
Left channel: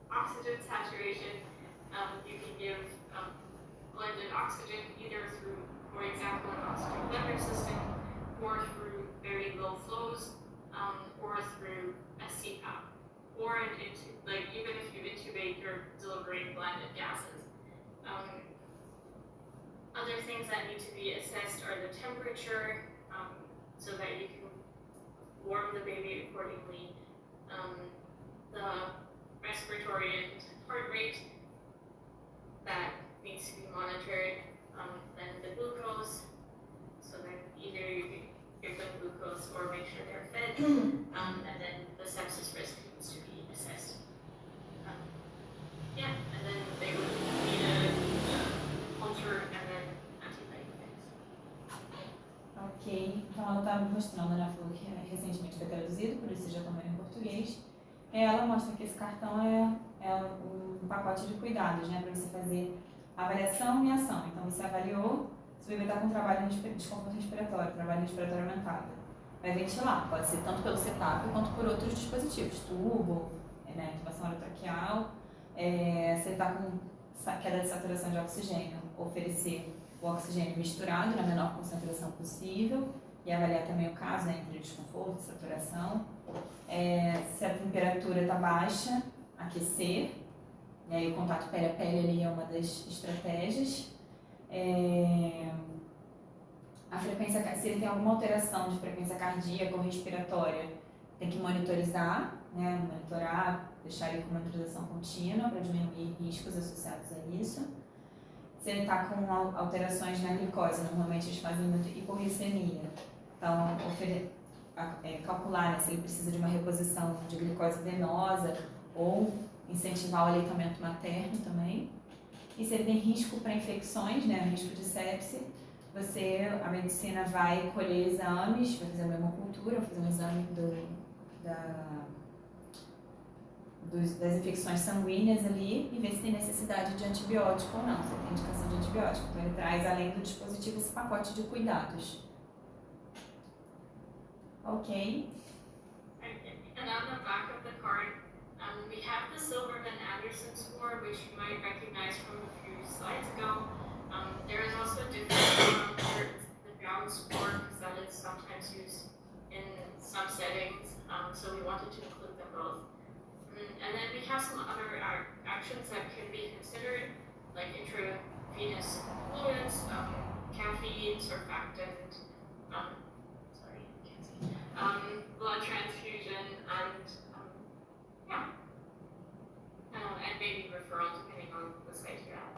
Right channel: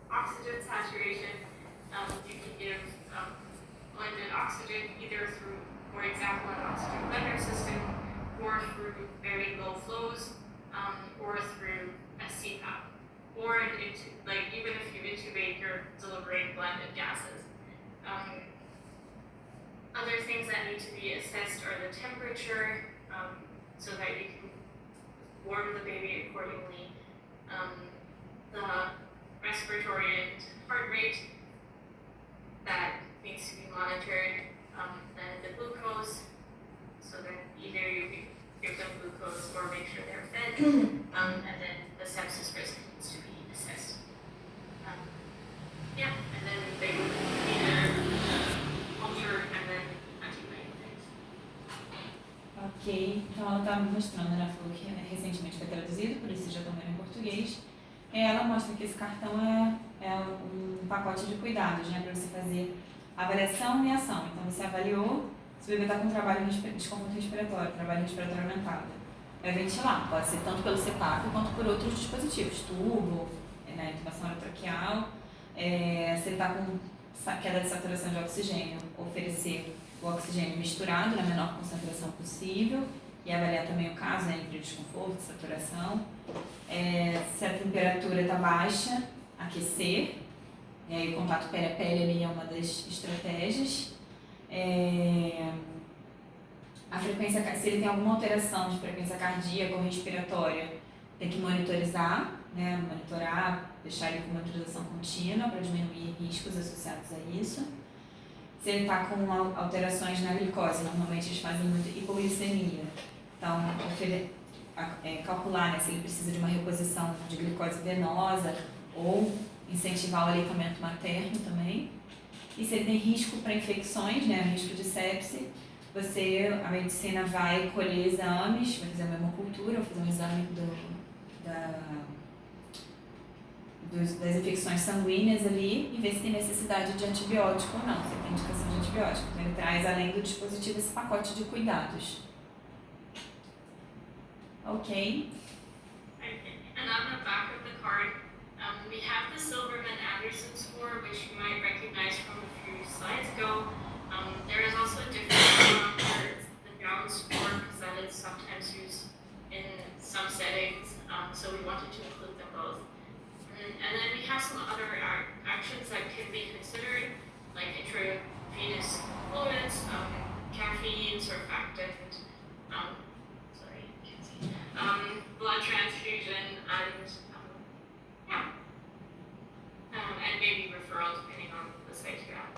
oxygen saturation, you can give blended oxygen either through, for example, an oxygen blender system, or through very low flows, or through a CPAP, or even if you intubate, you're delivering blended gases. Other things that need to be assessed are the temperature, so that you can warm the baby accordingly, the respiratory and heart rate that needs to be monitored, then the glucose, so then either you can give them glucose or make sure they're fed, and then the sepsis risk needs to be assessed. And then they would need a culture and then antibiotics. Ok, então ela está mostrando, ela falou que recentemente foi traduzido, por isso já estão vendo em português. Ela mostra que esse cartão é um pacote de cuidados, né, para você fazer avaliação e ação. Então você avaliou se o bebê está com trabalho de desconforto respiratório, trabalho respiratório aumentado. Vai ventilar, pode ser tanto pelo CPAP quanto por outros dispositivos, tubo, intubação orotraqueal. Se ele está com queda de saturação de oxigênio, oferecer o oxigênio misturado na menor concentração possível e avaliar também o caso, né, entre desconforto, saturação. Se a temperatura está baixa, aquecer, e aí o contato pele a pele ali é uma das estratégias. A frequência, se ele tem alguma alteração de frequência cardíaca ou respiratória, tem que monitorizar, né, deixar ele com monitorização contínua para diminuir riscos associados a isso. Se ele está com alterações na glicose, normalmente eles fazem muito hipoglicemia, então calcular, né, se ele precisa de uma reposição de glicose venosa ou incentivar o aleitamento materno também. E se ele tem risco para infecções, né, risco de sepse, a medicina vai colher exames, vai fazer uma hemocultura, vai fazer um exame das infecções sanguíneas ali e ver se tem necessidade de antibiótico ou não, se tem indicação de antibiótico. Então ele traz, além do dispositivo, esse pacote de cuidados. Ok. And on the back of the card, we have the Silverman-Anderson score, which you might recognize from a few slides ago. There is also a different score for the Brown score, because that is sometimes used in some settings, so we wanted to include them both. And then we have some other actions that can be considered, like intravenous fluids, caffeine, surfactant, blood transfusion, and maybe referral depending on the site you're at.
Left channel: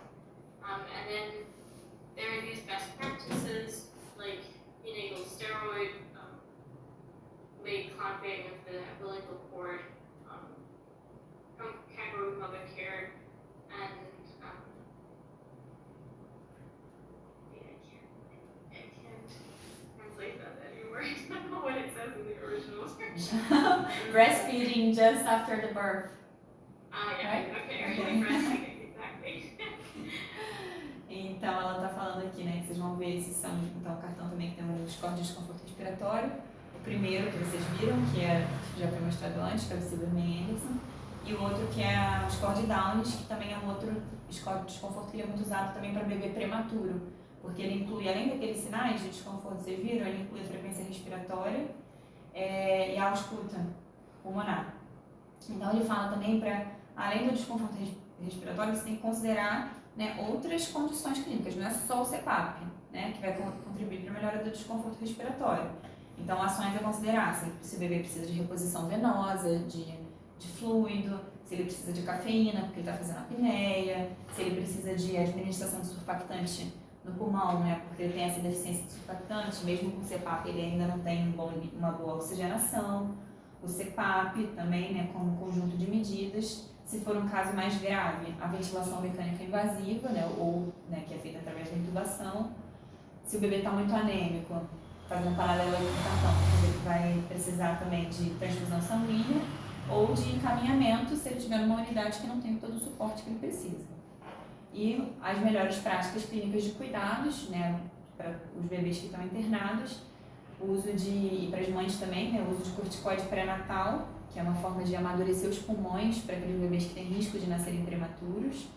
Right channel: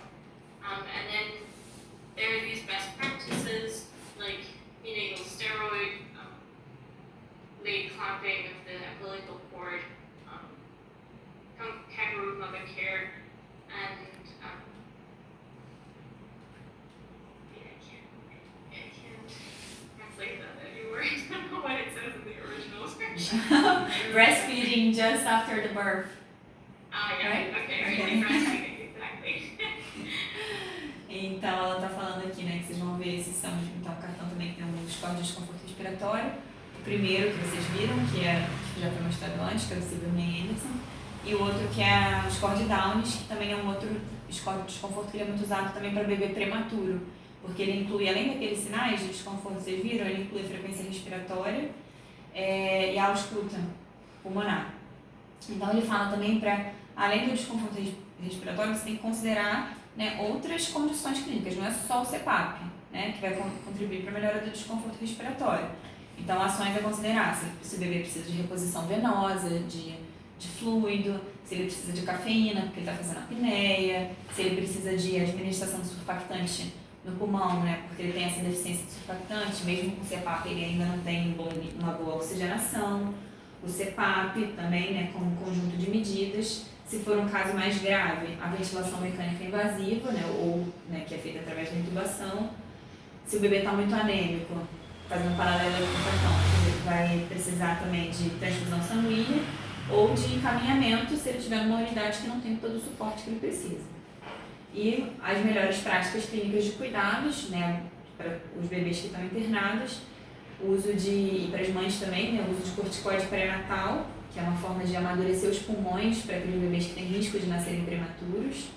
And then there are these best practices like neonatal steroid, late clamping of the umbilical cord, kangaroo mother care, and I can't translate that anymore. I don't know what it says in the original scripture. Breastfeeding just after the birth. Right? Okay, breastfeeding, exactly. Então ela está falando aqui, né, que vocês vão ver esses são, então o cartão também tem um score de desconforto respiratório. O primeiro que vocês viram, que já foi mostrado antes, que é o Silverman-Anderson, e o outro que é o score de Downes, que também é um outro score de desconforto que ele é muito usado também para bebê prematuro, porque ele inclui, além daqueles sinais de desconforto que vocês viram, ele inclui a frequência respiratória e a ausculta pulmonar. Então ele fala também para, além do desconforto respiratório, você tem que considerar, né, outras condições clínicas, não é só o CPAP, né, que vai contribuir para a melhora do desconforto respiratório. Então ações a considerar, se o bebê precisa de reposição venosa, de fluido, se ele precisa de cafeína porque ele está fazendo apneia, se ele precisa de administração de surfactante no pulmão, né? Porque ele tem essa deficiência de surfactante, mesmo com o CPAP ele ainda não tem uma boa oxigenação. O CPAP também, né, como conjunto de medidas. Se for um caso mais grave, a ventilação mecânica invasiva, né, ou né, que é feita através da intubação. Se o bebê está muito anêmico, fazendo um paralelo com o cartão, ele vai precisar também de transfusão sanguínea ou de encaminhamento se ele estiver numa unidade que não tem todo o suporte que ele precisa. E as melhores práticas clínicas de cuidados, né, para os bebês que estão internados, o uso e para as mães também, né, o uso de corticoide pré-natal, que é uma forma de amadurecer os pulmões para aqueles bebês que têm risco de nascerem prematuros,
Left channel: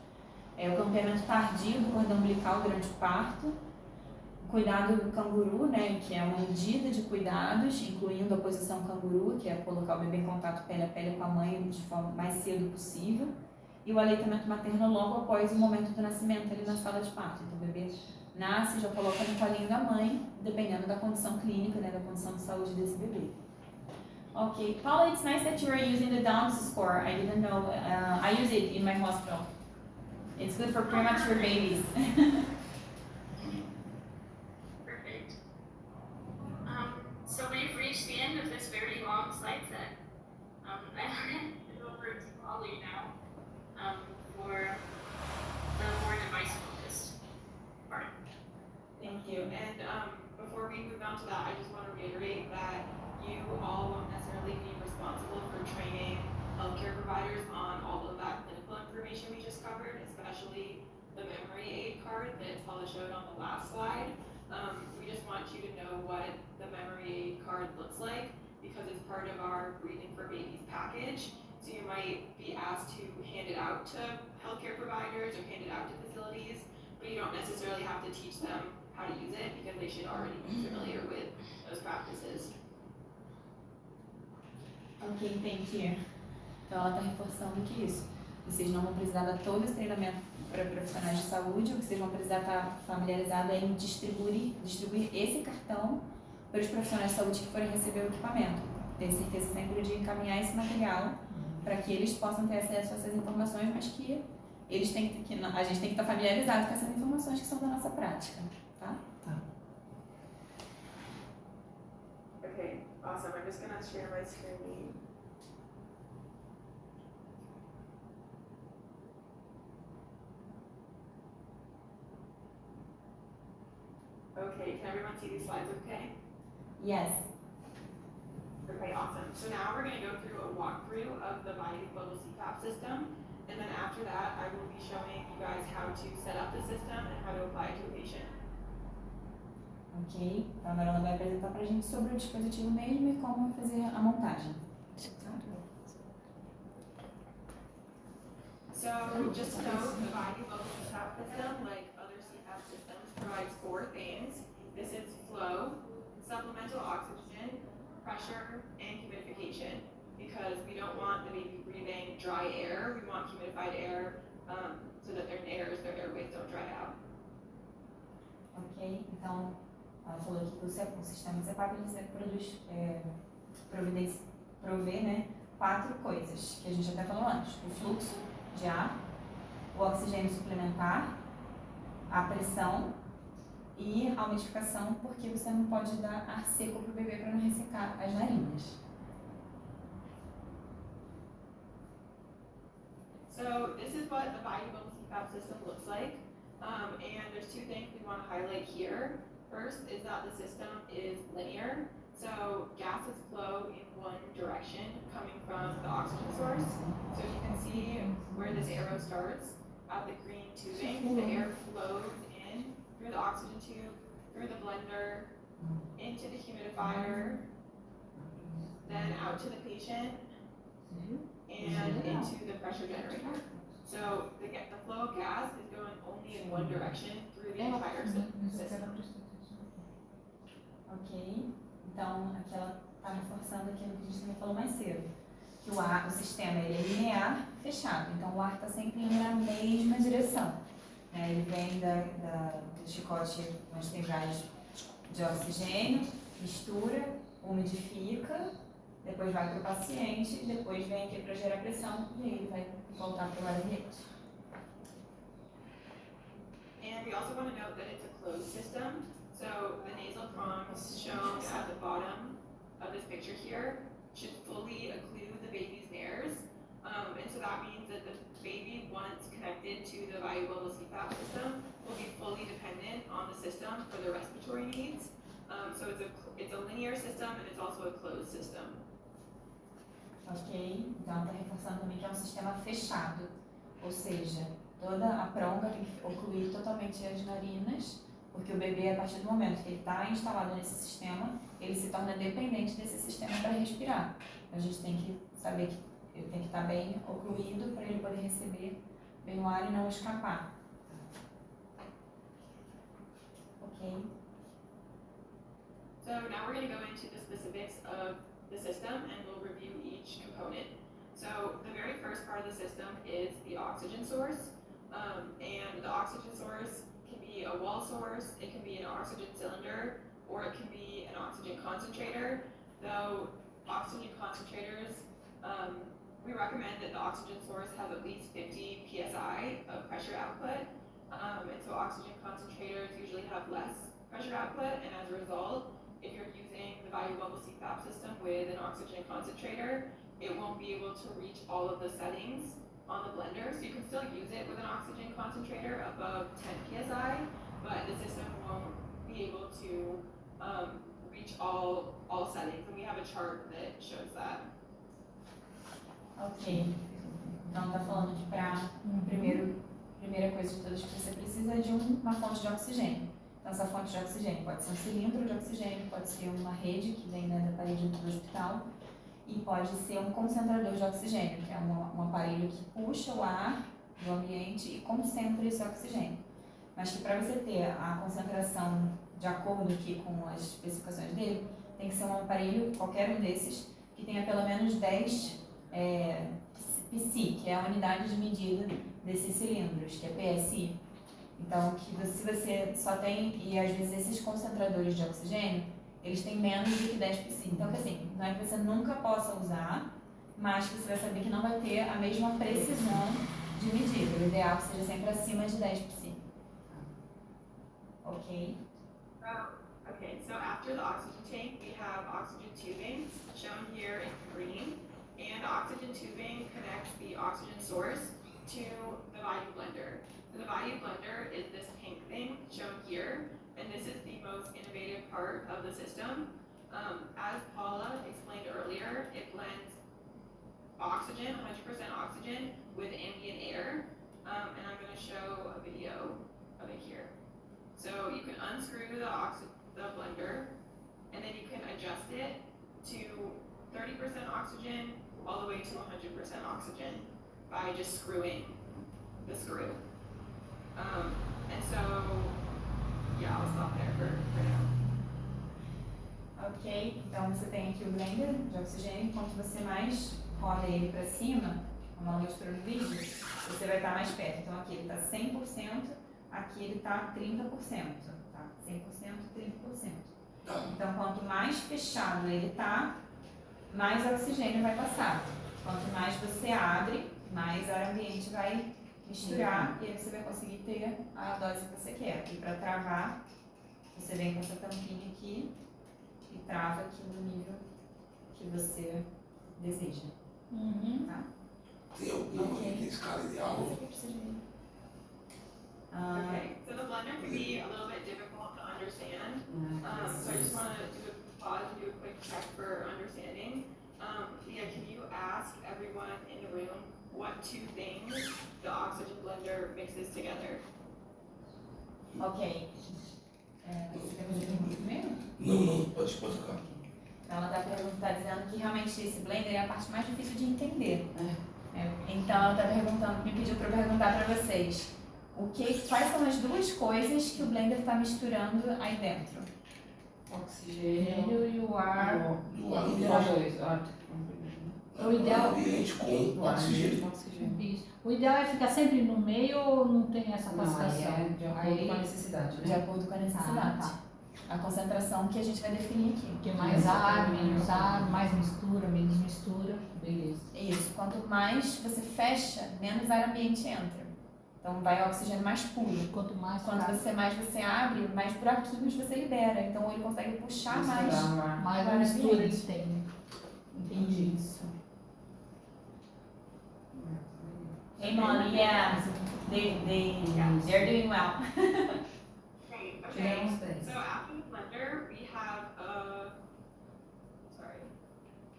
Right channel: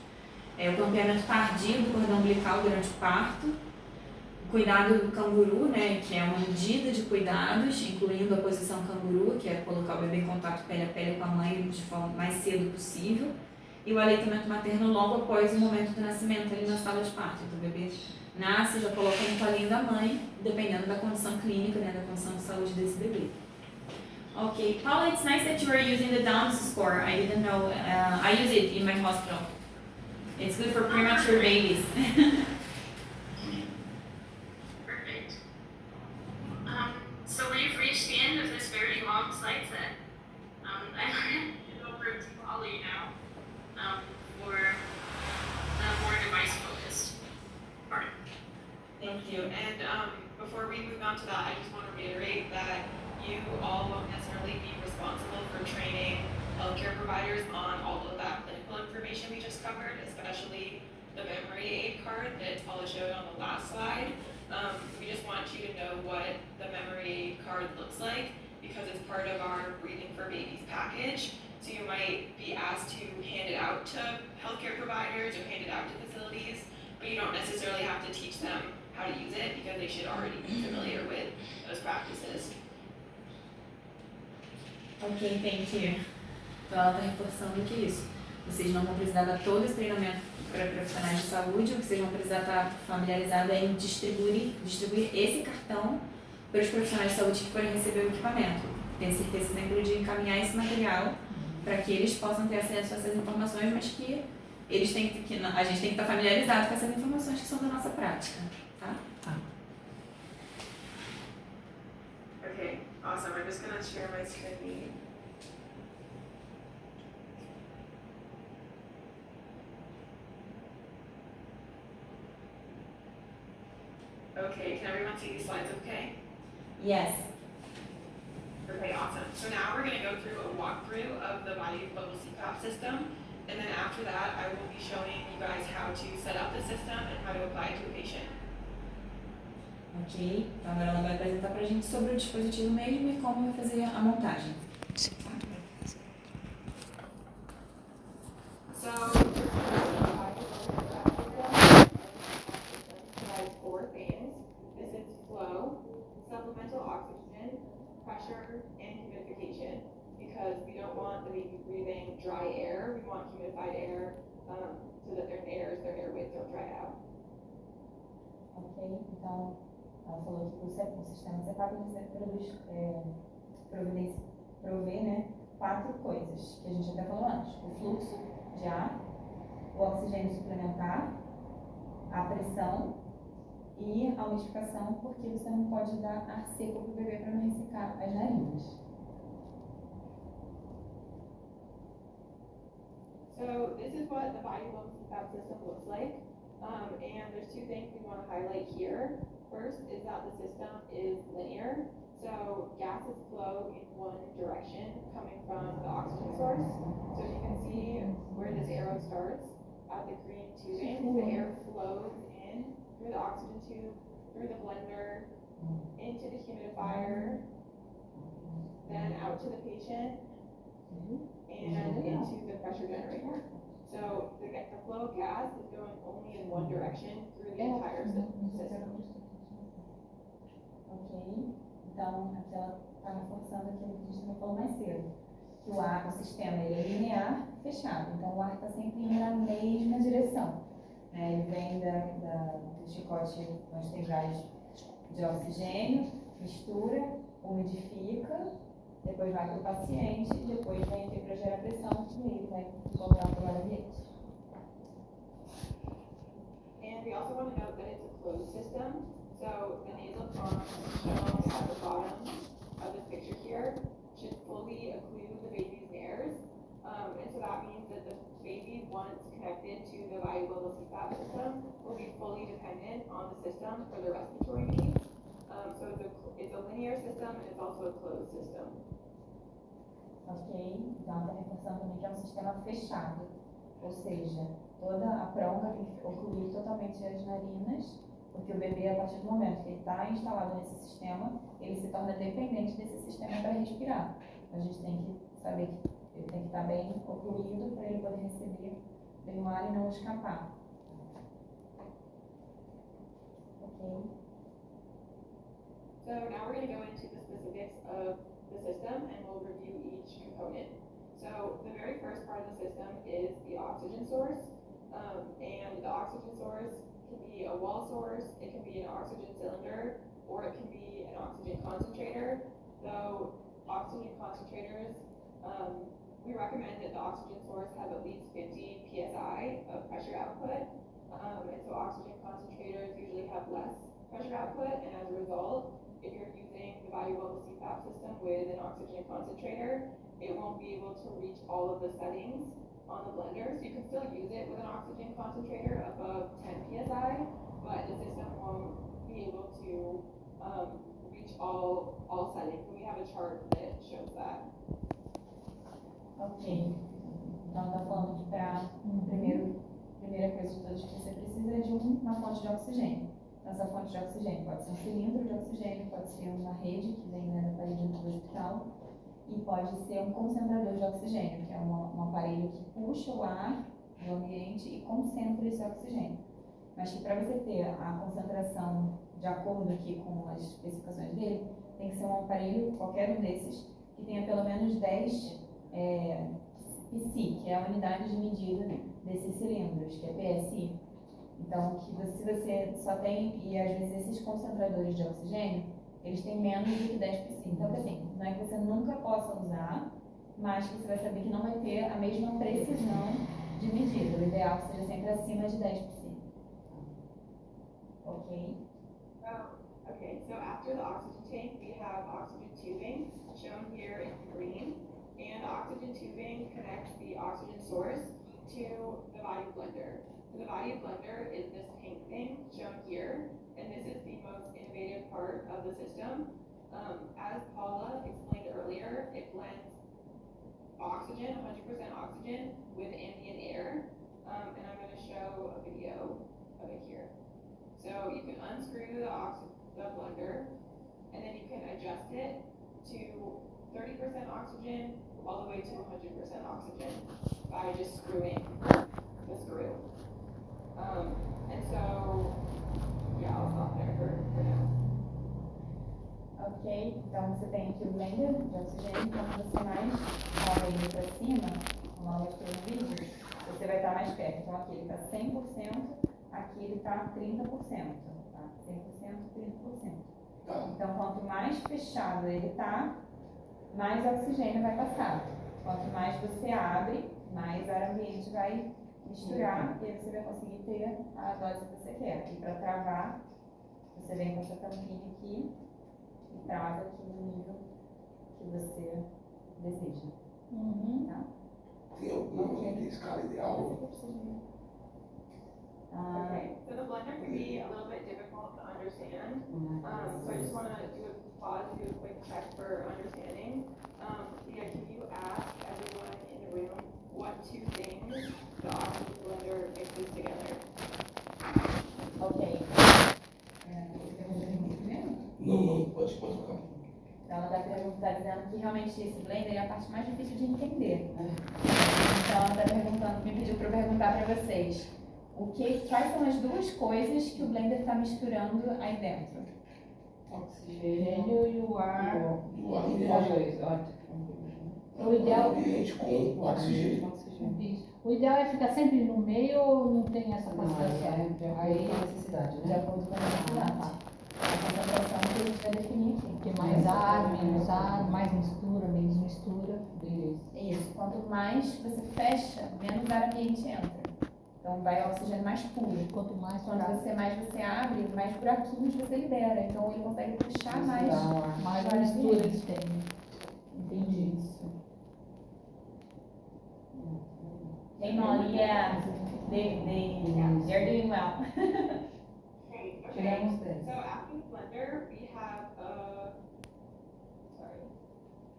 o campeamento tardio do cordão umbilical durante o parto, o cuidado do canguru, né, que é uma medida de cuidados, incluindo a posição canguru, que é colocar o bebê em contato pele a pele com a mãe de forma mais cedo possível, e o aleitamento materno logo após o momento do nascimento, ali na sala de parto. Então, o bebê nasce, já coloca no colinho da mãe, dependendo da condição clínica, né, da condição de saúde desse bebê. Okay, Paula, it's nice that you are using the Downs score. I didn't know. I use it in my hospital. It's good for premature babies. Perfect. So we've reached the end of this very long slide set. I hand it over to Polly now for the more device-focused part. Thank you. And before we move on to that, I just want to reiterate that you all won't necessarily be responsible for training healthcare providers on all of that clinical information we just covered, especially the memory aid card that Paula showed on the last slide. We just want you to know what the memory aid card looks like because it's part of our Breathing for Babies package. So you might be asked to hand it out to healthcare providers or hand it out to facilities, but you don't necessarily have to teach them how to use it because they should already be familiar with those practices. Ok, thank you. Então ela está reforçando que isso. Vocês não vão precisar dar todo esse treinamento para profissionais de saúde, o que vocês vão precisar estar familiarizados é em distribuir esse cartão para os profissionais de saúde que forem receber o equipamento. Tenho certeza sempre de encaminhar esse material para que eles possam ter acesso a essas informações, mas que eles têm que a gente tem que estar familiarizado com essas informações que são da nossa prática, tá? Okay, awesome. I'm just gonna share my screen. Okay, can everyone see these slides okay? Yes. Okay, awesome. So now we're gonna go through a walkthrough of the bi-level CPAP system, and then after that, I will be showing you guys how to set up the system and how to apply it to a patient. Ok, então agora ela vai apresentar pra gente sobre o dispositivo mesmo e como fazer a montagem. So just to know, the bi-level CPAP system provides 4 things. This is flow, supplemental oxygen, pressure, and humidification. Because we don't want the baby breathing dry air, we want humidified air so that their airways don't dry out. Ok, então ela falou aqui que o sistema CPAP provê, né, 4 coisas que a gente até falou antes: o fluxo de ar, o oxigênio suplementar, a pressão e a umidificação, porque você não pode dar ar seco para o bebê para não ressecar as narinas. So this is what the bi-level CPAP system looks like. And there's 2 things we want to highlight here. First is that the system is linear. So gases flow in one direction coming from the oxygen source. So you can see where this arrow starts at the green tubing. The air flows in through the oxygen tube, through the blender, into the humidifier, then out to the patient, and into the pressure generator. So the flow of gas is going only in one direction through the entire system. Ok, então aqui ela está reforçando aquilo que a gente também falou mais cedo, que o sistema ele é linear, fechado, então o ar está sempre indo na mesma direção, né? Ele vem do chicote onde tem gás de oxigênio, mistura, umidifica, depois vai para o paciente, depois vem aqui para gerar pressão e aí ele vai voltar para o ar ambiente. And we also want to note that it's a closed system, so the nasal prongs shown at the bottom of this picture here should fully occlude the baby's nares. And so that means that the baby, once connected to the ValueGlobal CPAP system, will be fully dependent on the system for their respiratory needs. So it's a linear system and it's also a closed system. Ok? Então está reforçando também que é um sistema fechado, ou seja, toda a pronga tem que ocluir totalmente as narinas, porque o bebê, a partir do momento que ele está instalado nesse sistema, ele se torna dependente desse sistema para respirar. A gente tem que saber que ele tem que estar bem ocluído para ele poder receber bem o ar e não escapar. Ok? So now we're going to go into the specifics of the system and we'll review each component. So the very first part of the system is the oxygen source. And the oxygen source can be a wall source, it can be an oxygen cylinder, or it can be an oxygen concentrator. Though oxygen concentrators, we recommend that the oxygen source have at least 50 psi of pressure output. And so oxygen concentrators usually have less pressure output, and as a result, if you're using the ValueGlobal CPAP system with an oxygen concentrator, it won't be able to reach all of the settings on the blender. So you can still use it with an oxygen concentrator above 10 psi, but the system won't be able to reach all settings. And we have a chart that shows that. Ok. Então está falando que para primeira coisa de todas que você precisa é de uma fonte de oxigênio. Então essa fonte de oxigênio pode ser um cilindro de oxigênio, pode ser uma rede que vem da parede do hospital e pode ser um concentrador de oxigênio, que é um aparelho que puxa o ar do ambiente e concentra esse oxigênio. Mas que para você ter a concentração de acordo aqui com as especificações dele, tem que ser um aparelho, qualquer um desses, que tenha pelo menos 10 PSI, que é a unidade de medida desses cilindros, que é PSI. Então, se você só tem, e às vezes esses concentradores de oxigênio, eles têm menos do que 10 PSI. Então, assim, não é que você nunca possa usar, mas que você vai saber que não vai ter a mesma precisão de medida. O ideal é que seja sempre acima de 10 PSI. Ok? Okay, so after the oxygen tank, we have oxygen tubing, shown here in green. And the oxygen tubing connects the oxygen source to the Value Blender. So the Value Blender is this pink thing shown here, and this is the most innovative part of the system. As Paula explained earlier, it blends oxygen, 100% oxygen, with ambient air, and I'm going to show a video of it here. So you can unscrew the blender, and then you can adjust it to 30% oxygen all the way to 100% oxygen by just screwing the screw. And so, yeah, I'll stop there for now. Ok, então você tem aqui o blender de oxigênio. Quanto você mais move ele para cima, como ela mostrou no vídeo, você vai estar mais perto. Então aqui ele está 100%, aqui ele está 30%. Tá? 100%, 30%. Então quanto mais fechado ele está, mais oxigênio vai passar. Quanto mais você abre, mais ar ambiente vai misturar e aí você vai conseguir ter a dose que você quer. E para travar, você vem com essa tampinha aqui e trava aqui no nível que você deseja. Tá? Tem alguma escala ideal? Okay, so the blender can be a little bit difficult to understand. So I just want to do a pause and do a quick check for understanding. Tia, can you ask everyone in the room what two things the oxygen blender mixes together? Ok. Você quer fazer pergunta primeiro? Não, pode tocar. Então ela está dizendo que realmente esse blender é a parte mais difícil de entender. Então ela está perguntando, me pediu para eu perguntar para vocês quais são as duas coisas que o blender está misturando aí dentro? Oxigênio e o ar. Do ar E ambiente. O ideal- ambiente com oxigênio. Isso. O ideal é ficar sempre no meio ou não tem essa Não, aí classificação? é de acordo com a necessidade, De né? acordo com a necessidade. A concentração que a gente vai definir aqui. Porque mais ar, menos ar, mais mistura, menos mistura. Beleza. Isso. Quanto mais você fecha, menos ar ambiente entra. Então Então vai oxigênio mais puro. Quanto mais Quando mais você abre, mais buraquinhos você libera. Então ele consegue puxar mais. mais mistura ele tem. Entendi isso. Hey Molly, yeah, they're doing well. Great, okay. Tiramos 10. So after the blender, we have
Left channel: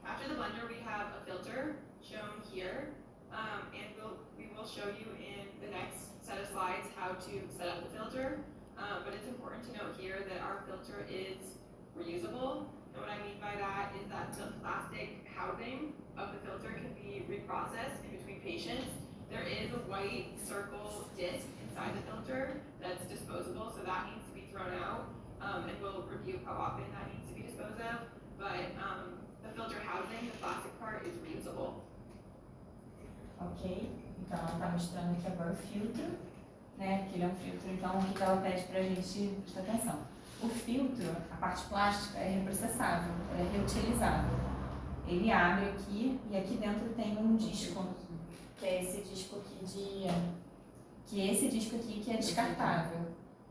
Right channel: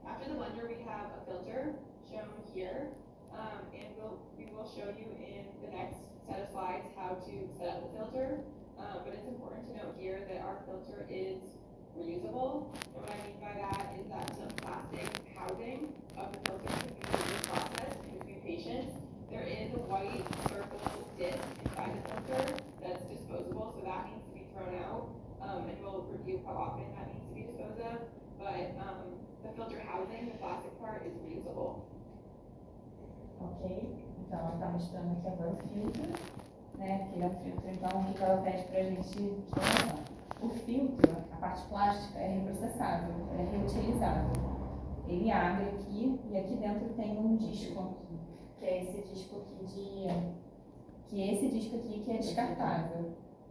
after the blender, we have a filter shown here. And we will show you in the next set of slides how to set up the filter. But it's important to note here that our filter is reusable. And what I mean by that is that the plastic housing of the filter can be reprocessed in between patients. There is a white circle disc inside the filter that's disposable, so that needs to be thrown out. And we'll review how often that needs to be disposed of. But the filter housing, the plastic part, is reusable. Ok, então ela está mostrando aqui agora o filtro, né? Que ele é um filtro, então o que ela pede para a gente prestar atenção? O filtro, a parte plástica, é reprocessável, é reutilizável. Ele abre aqui e aqui dentro tem um disco, que é esse disco aqui que é descartável.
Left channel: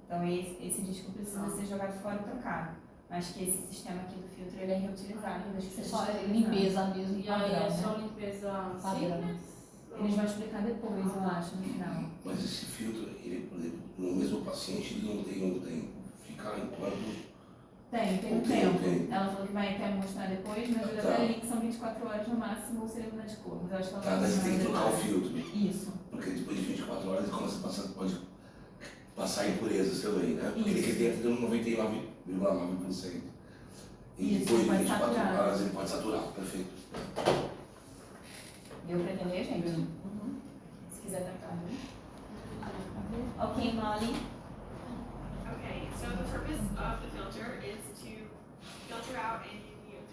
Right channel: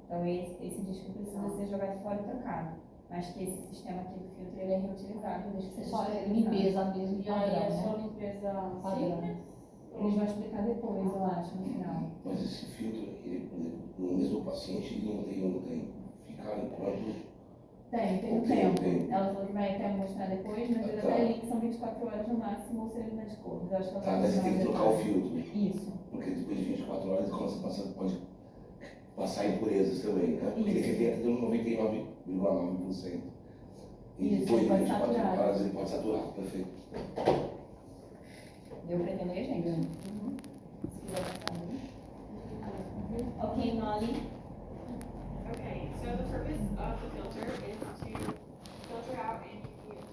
Então esse disco precisa ser jogado fora e trocado. Mas que esse sistema aqui do filtro ele é reutilizável, desde que seja Só é esterilizado. limpeza mesmo, E aí é padrão, só né? limpeza Padrão. simples? Eles vão explicar depois, eu acho, no final. Mas esse filtro, ele, por exemplo, no mesmo paciente, ele não tem um tempo. Ficar enquanto. Tem um Ok, tempo. ok. Ela falou que vai até mostrar depois, mas eu Tá. até li que são 24 horas no máximo se ele mudar de cor. Mas eu acho que ela Tá, vai mas você tem que mostrar trocar o detalhes. filtro. Isso. Porque depois de 24 horas ele começa a passar, pode passar impurezas também, né? Porque ele Isso. quer ter 99,9%. E Isso, depois de pode 24 saturar. horas ele pode saturar, perfeito. Deu pra entender, gente? Se quiser trocar, né? Ok, Molly. Okay, so the purpose of the filter is to filter out any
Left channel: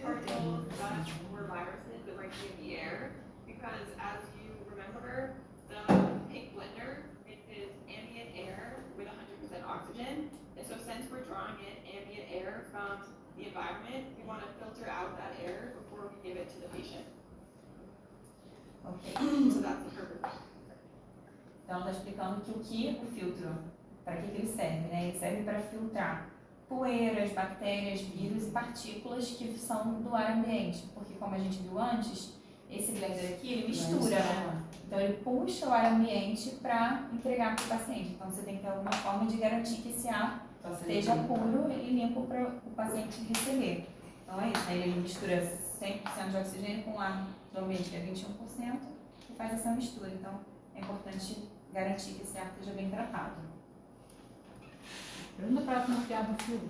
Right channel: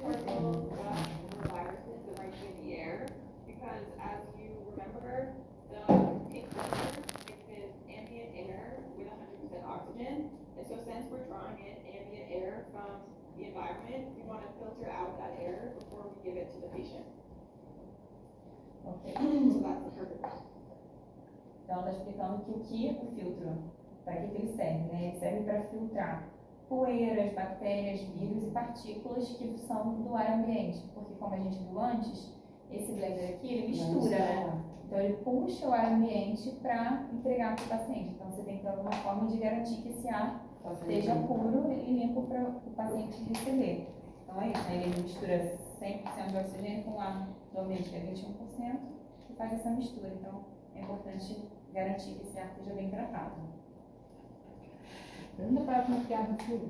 particles, dust, or viruses that might be in the air. Because as you remember, the pink blender is ambient air with 100% oxygen. And so since we're drawing in ambient air from the environment, we want to filter out that air before we give it to the patient. Ok. So that's the purpose. Então ela está explicando que o filtro, para que ele serve, né? Ele serve para filtrar poeiras, bactérias, vírus e partículas que são do ar ambiente. Porque como a gente viu antes, esse blender aqui, ele mistura, né? Então ele puxa o ar ambiente para entregar para o paciente. Então você tem que ter alguma forma de garantir que esse ar esteja puro e limpo para o paciente receber. Então é isso, aí ele mistura 100% de oxigênio com ar do ambiente, que é 21%, e faz essa mistura. Então é importante garantir que esse ar esteja bem tratado. Pergunta para ela como que abre o filtro.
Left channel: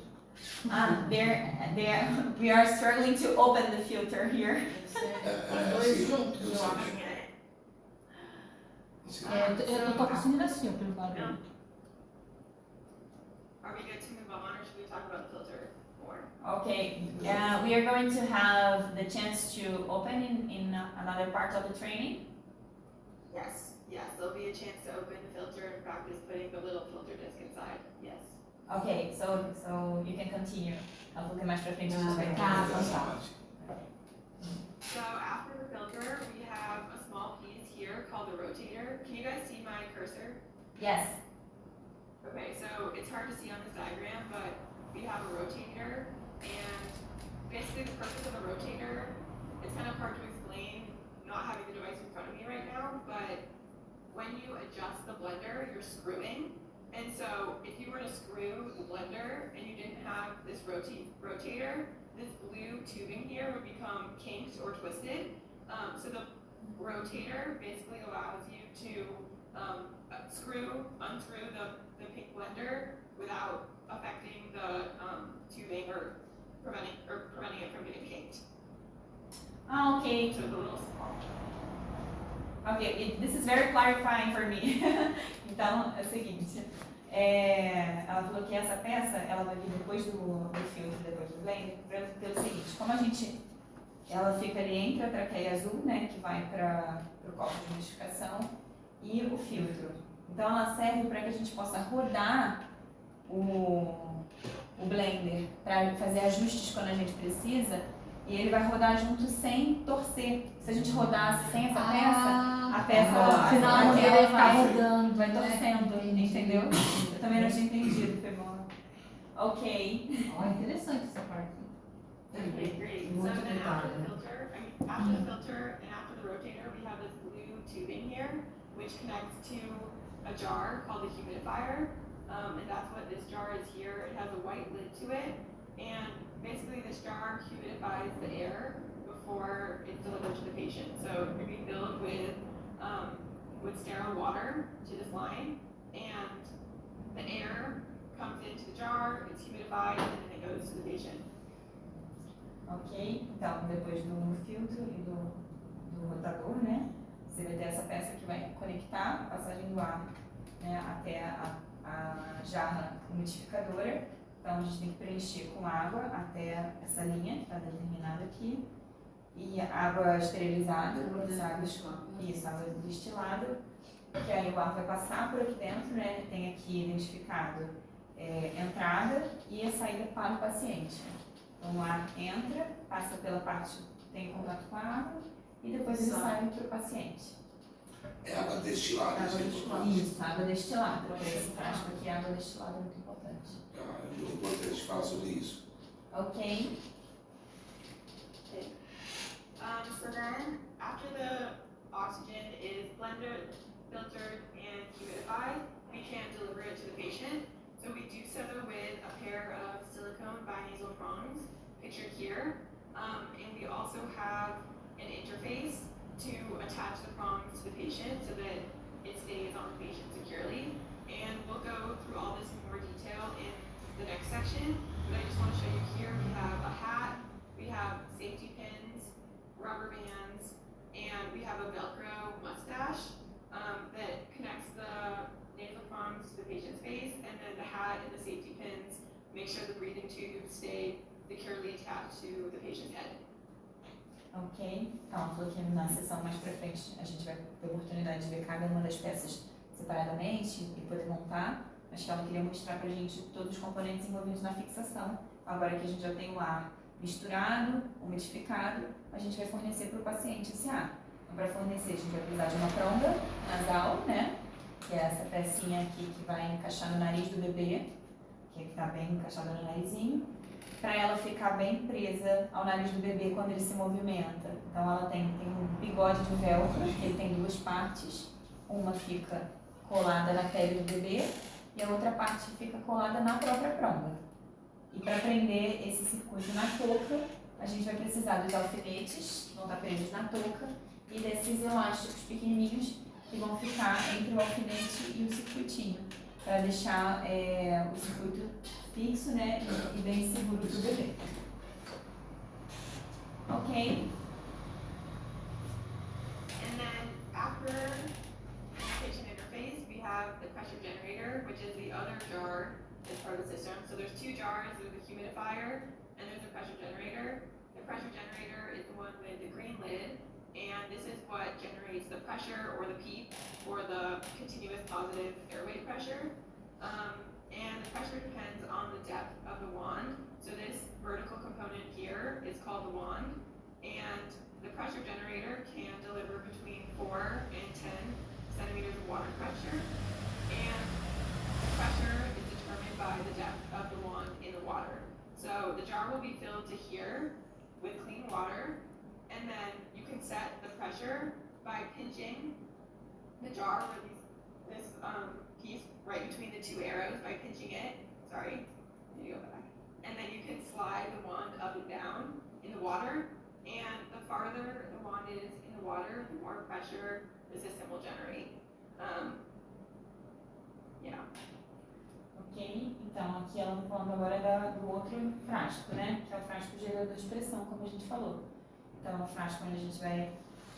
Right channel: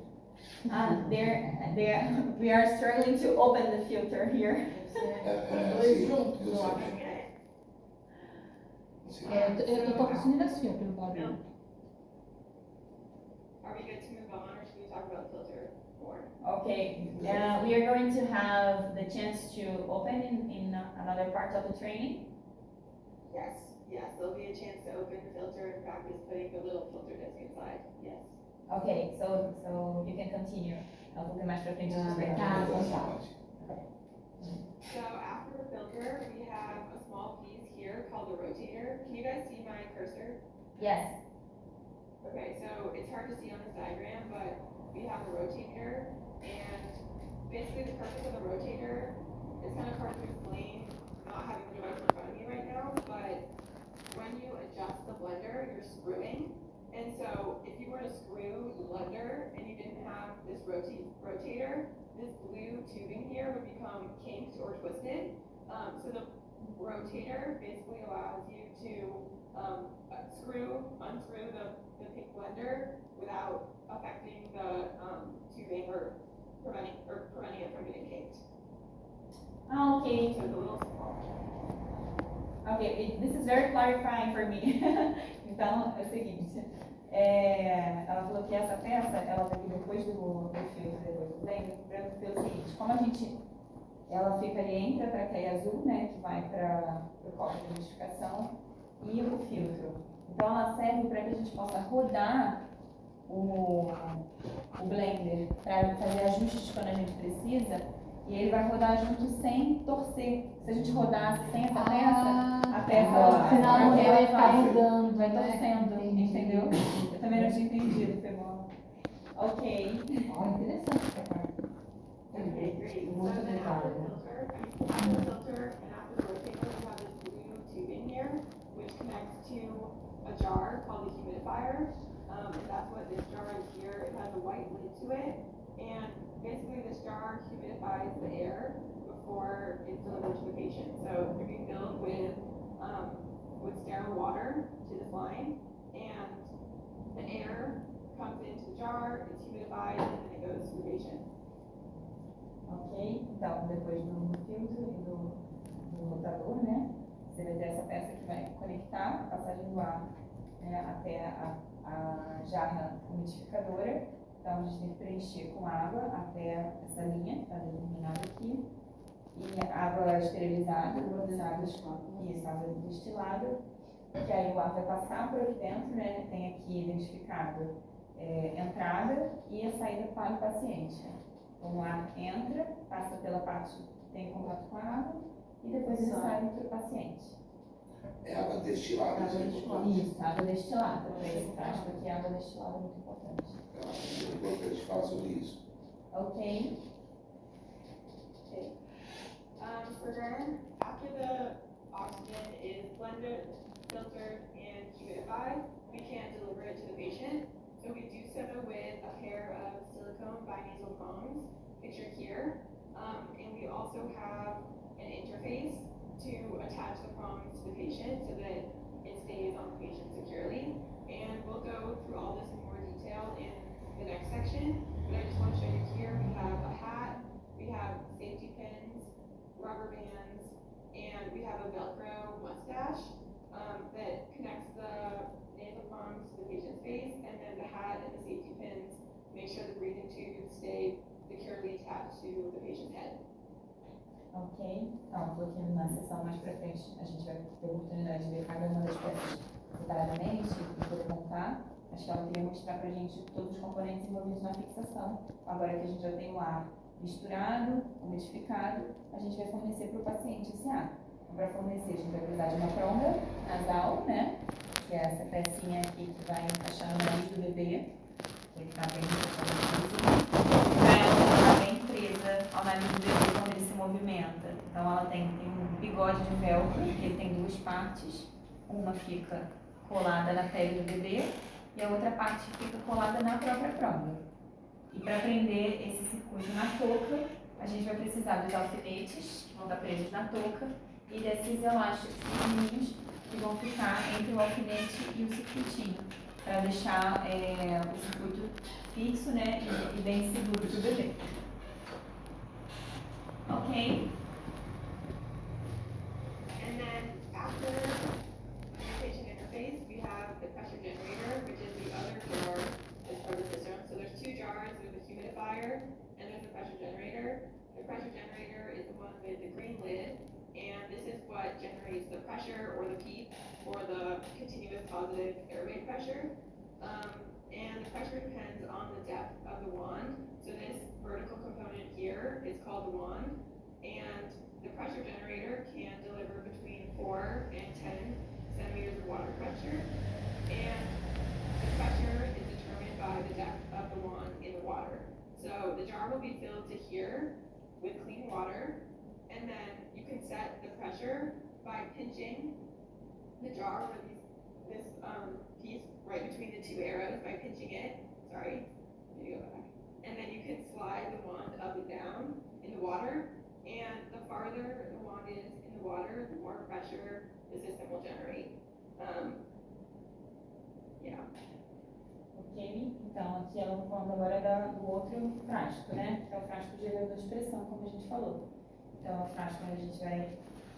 We are struggling to open the filter here. Os dois juntos, eu sei. acho. Assim, Eu tô conseguindo assim, ó, pelo barulho. Are we good to move on, or should we talk about the filter more? Okay, we are going to have the chance to open in another part of the training. Yes, there'll be a chance to open the filter and practice putting the little filter disc inside. Yes. Okay, so you can continue. Ela falou que mais pra frente a gente vai tá. essa parte. So after the filter, we have a small piece here called the rotator. Can you guys see my cursor? Yes. Okay, so it's hard to see on this diagram, but we have a rotator, and basically the purpose of a rotator, it's kind of hard to explain not having the device in front of me right now, but when you adjust the blender, you're screwing. And so if you were to screw the blender and you didn't have this rotator, this blue tubing here would become kinked or twisted. So the rotator basically allows you to unscrew the pink blender without affecting the tubing or preventing it from getting kinked. Ah, ok. So it's a little small. Ok, this is very clarifying for me. Então, é o seguinte. Ela falou que essa peça, ela vai vir depois do filtro, depois do blender, pelo seguinte, como ela fica ali entre a traqueia azul, né, que vai para o copo de umidificação, e o filtro. Então ela serve para que a gente possa rodar o blender para fazer ajustes quando a gente precisa, E ele vai rodar junto sem torcer. Se a gente rodasse sem essa peça, a peça Senão aquela ele ficar vai, rodando, vai né? torcendo, Entendi. entendeu? Eu também não tinha entendido, foi bom. Ok. Ó, interessante essa parte. Okay, great. So Muito then after the obrigada. filter, after the filter and after the rotator, we have this blue tubing here, which connects to a jar called a humidifier. And that's what this jar is here. It has a white lid to it. And basically this jar humidifies the air before it's delivered to the patient. So it can be filled with sterile water to this line. And the air comes into the jar, it's humidified, and then it goes to the patient. Ok? Então, depois do filtro e do rotador, né? Você vai ter essa peça que vai conectar a passagem do ar, né, até a jarra umidificadora. Então, a gente tem que preencher com água até essa linha que está determinada aqui. E água esterilizada, isso, água destilada, que aí o ar vai passar por aqui dentro, né? Tem aqui identificado entrada e a saída para o paciente. Então, o ar entra, passa pela parte que tem contato com a água e depois ele sai para o paciente. É água destilada, Água isso é destilada. importante. Isso, água destilada. Esse frasco aqui, água destilada é muito importante. É muito importante falar sobre isso. Ok? So then, after the oxygen is blended, filtered, and humidified, we can deliver it to the patient. So we do so with a pair of silicone binasal prongs, pictured here. And we also have an interface to attach the prongs to the patient so that it stays on the patient securely. And we'll go through all this in more detail in the next section, but I just want to show you here, we have a hat, we have safety pins, rubber bands, and we have a Velcro mustache that connects the nasal prongs to the patient's face, and then the hat and the safety pins make sure the breathing tubes stay securely attached to the patient's head. Ok? Então, ela falou que na sessão mais pra frente a gente vai ter a oportunidade de ver cada uma das peças separadamente e poder montar, mas que ela queria mostrar pra gente todos os componentes envolvidos na fixação. Agora que a gente já tem o ar misturado, umidificado, a gente vai fornecer para o paciente esse ar. Então, para fornecer, a gente vai precisar de uma pronga nasal, né? Que é essa pecinha aqui que vai encaixar no nariz do bebê, que está bem encaixada no narizinho, para ela ficar bem presa ao nariz do bebê quando ele se movimenta. Então, ela tem um bigode de velcro, que ele tem duas partes. Uma fica colada na pele do bebê e a outra parte fica colada na própria pronga. E para prender esse circuito na touca, a gente vai precisar dos alfinetes, que vão estar presos na touca, e desses elásticos pequenininhos que vão ficar entre o alfinete e o circuitinho, para deixar o circuito fixo, né, e bem seguro para o bebê. Ok? And then after the patient interface, we have the pressure generator, which is the other jar as part of the system. So there's two jars, there's a humidifier and there's a pressure generator. The pressure generator is the one with the green lid, and this is what generates the pressure or the PEEP, or the continuous positive airway pressure. And the pressure depends on the depth of the wand. So this vertical component here is called the wand, and the pressure generator can deliver between 4 and 10 centimeters of water pressure, and the pressure is determined by the depth of the wand in the water. So the jar will be filled to here with clean water, and then you can set the pressure by pinching the jar where this piece right between the two arrows, by pinching it, sorry, let me go back. And then you can slide the wand up and down in the water, and the farther the wand is in the water, the more pressure the system will generate. Yeah. Ok? Então, aqui ela está falando agora do outro frasco, né? Que é o frasco gerador de pressão, como a gente falou. Então, é o frasco onde a gente vai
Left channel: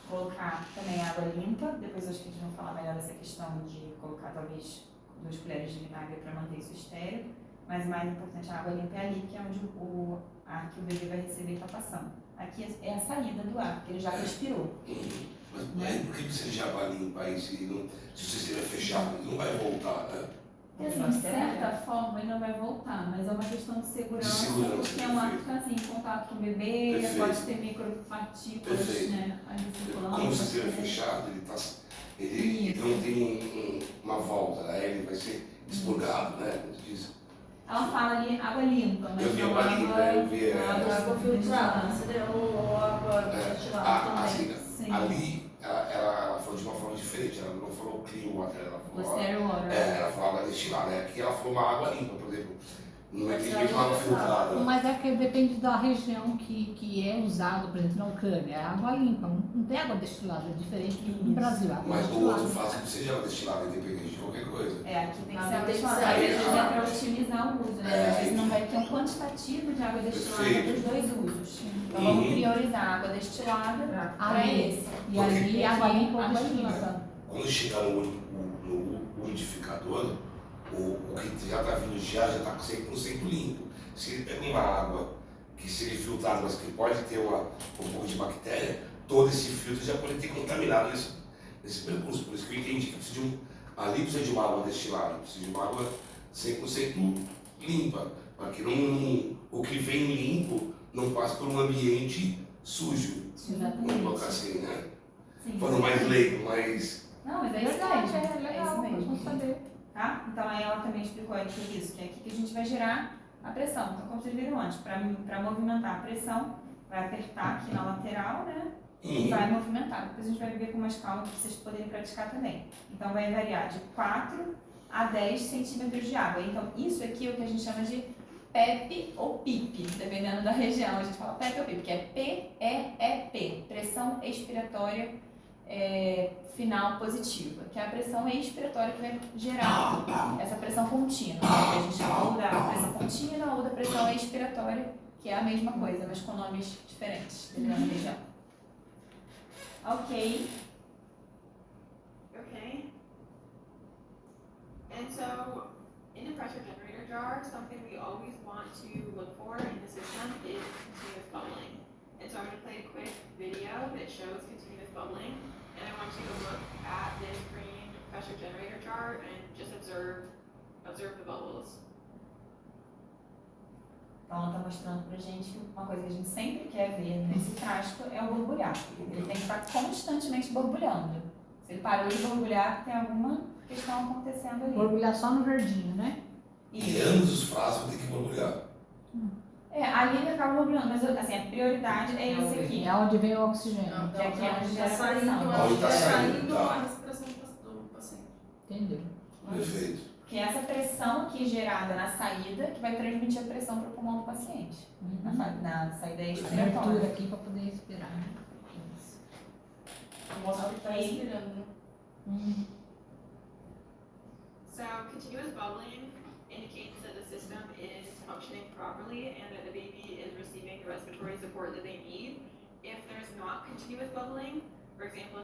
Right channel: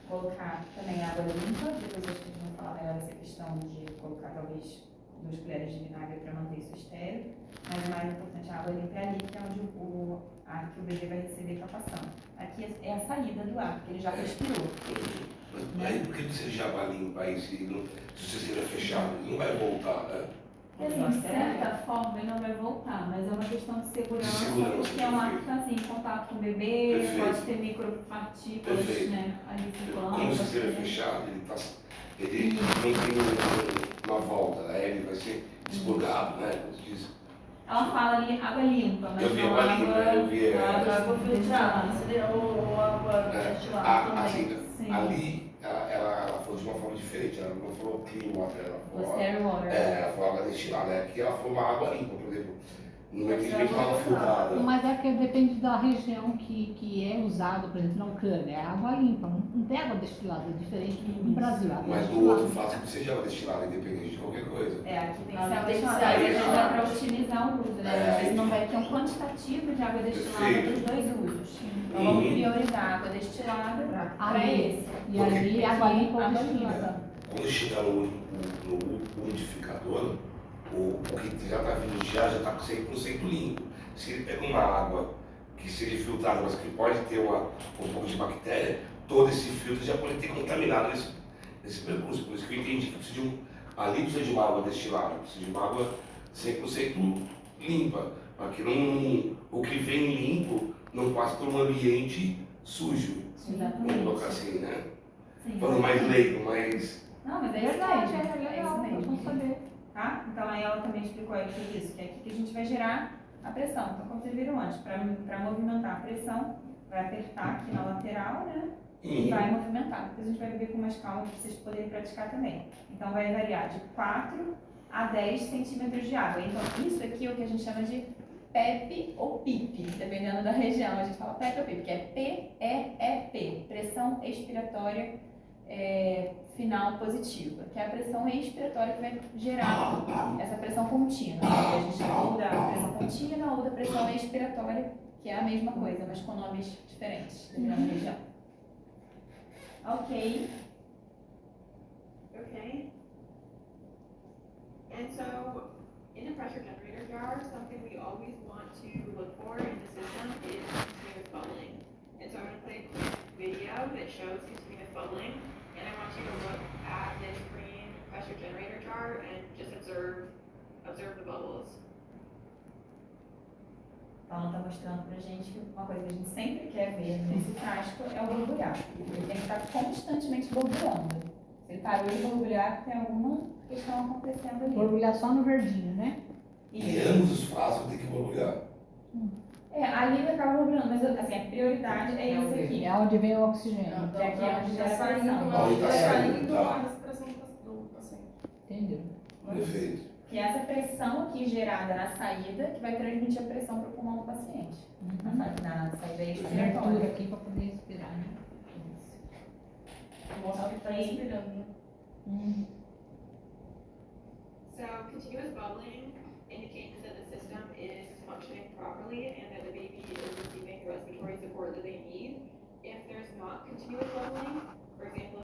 colocar também água limpa. Depois acho que a gente vai falar melhor dessa questão de colocar talvez 2 colheres de vinagre para manter isso estéril. Mas o mais importante, a água limpa é ali, que é onde o ar que o bebê vai receber está passando. Aqui é a saída do ar, porque ele já respirou. Mas aí por que você já vai limpar isso se você estiver fechado? Não vai voltar, né? E assim, de certa forma, ele não vai voltar, mas é uma questão de segurança, segurança, porque é um ato perfeito. que está assim, em contato com o bebê, Perfeito. pode ter micropartículas, Perfeito. né, ali circulando. Como o pode sistema é ter- fechado, ele não tem uma volta, aí ele vai ser expurgado, né? Como se diz. Ela fala ali água limpa, mas Eu vi não água limpa, eu vi, Água filtrada, destilada. seria ou água destilada também. Sim. Ali, ela falou de uma forma diferente, ela não falou clean water, ela O falou, stereo water. ela falou água destilada, aqui ela falou uma água limpa, por exemplo, não é que ninguém fala filtrada. Mas é porque depende da região que é usado, por exemplo, na Ucrânia. É água limpa, não tem água destilada, diferente do Brasil. Água Mas no destilada. outro faz que seja água destilada, independente de qualquer coisa. É, aqui tem que Não, ser água tem que destilada. ser Às água vezes é destilada. para otimizar o uso, né? Às vezes não vai ter um quantitativo de água destilada para os dois usos. Então vamos priorizar a água destilada para esse. E ali água limpa ou água destilada. limpa. Quando chegar no umidificador, o que já está vindo já está 100% limpo. Se ele pega uma água que seja filtrada, mas que pode ter um pouco de bactéria, todo esse filtro já pode ter contaminado nesse percurso. Por isso que eu entendi que ali precisa de uma água destilada, precisa de uma água 100% limpa, para que o que vem limpo não passe por um ambiente sujo. Vamos colocar assim, né? Sim. Falando mais leigo, mais... Não, mas é Verdade, isso mesmo. É isso mesmo. vamos saber. Tá? Então aí ela também explicou aqui isso, que é aqui que a gente vai gerar a pressão. Então, como vocês viram antes, para movimentar a pressão, vai apertar aqui na lateral, né? E vai movimentar. Depois a gente vai ver com mais calma para vocês poderem praticar também. Então vai variar de 4 a 10 centímetros de água. Então isso aqui é o que a gente chama de PEP ou PIP, dependendo da região. A gente fala PEP ou PIP, que é PEP, pressão expiratória final positiva, que é a pressão expiratória que vai gerar essa pressão contínua. A gente chama ou da pressão contínua ou da pressão expiratória, que é a mesma coisa, mas com nomes diferentes, dependendo da região. Ok. Okay. And so, in the pressure generator jar, something we always want to look for in the system is continuous bubbling. And so I'm going to play a quick video that shows continuous bubbling. And I want you to look at this green pressure generator jar and just observe the bubbles. Então ela está mostrando pra gente que uma coisa que a gente sempre quer ver nesse frasco é o borbulhar. Ele tem que estar constantemente borbulhando. Se ele parou de borbulhar, tem alguma questão acontecendo ali. Borbulhar só no verdinho, né? E ambos os frascos tem que borbulhar. Ali ele acaba borbulhando, mas assim, a prioridade é esse aqui. É onde vem o oxigênio. Que aqui é onde tá gera saindo, pressão. Onde tá tá saindo, saindo tá. a respiração do paciente. Entendeu? Perfeito. Que é essa pressão aqui gerada na saída que vai transmitir a pressão para o pulmão do paciente. Na saída Abertura expiratória. aqui para poder respirar, né? Mostra que tá Ok. respirando, né? So continuous bubbling indicates that the system is functioning properly and that the baby is receiving the respiratory support that they need. If there's not continuous bubbling, for example,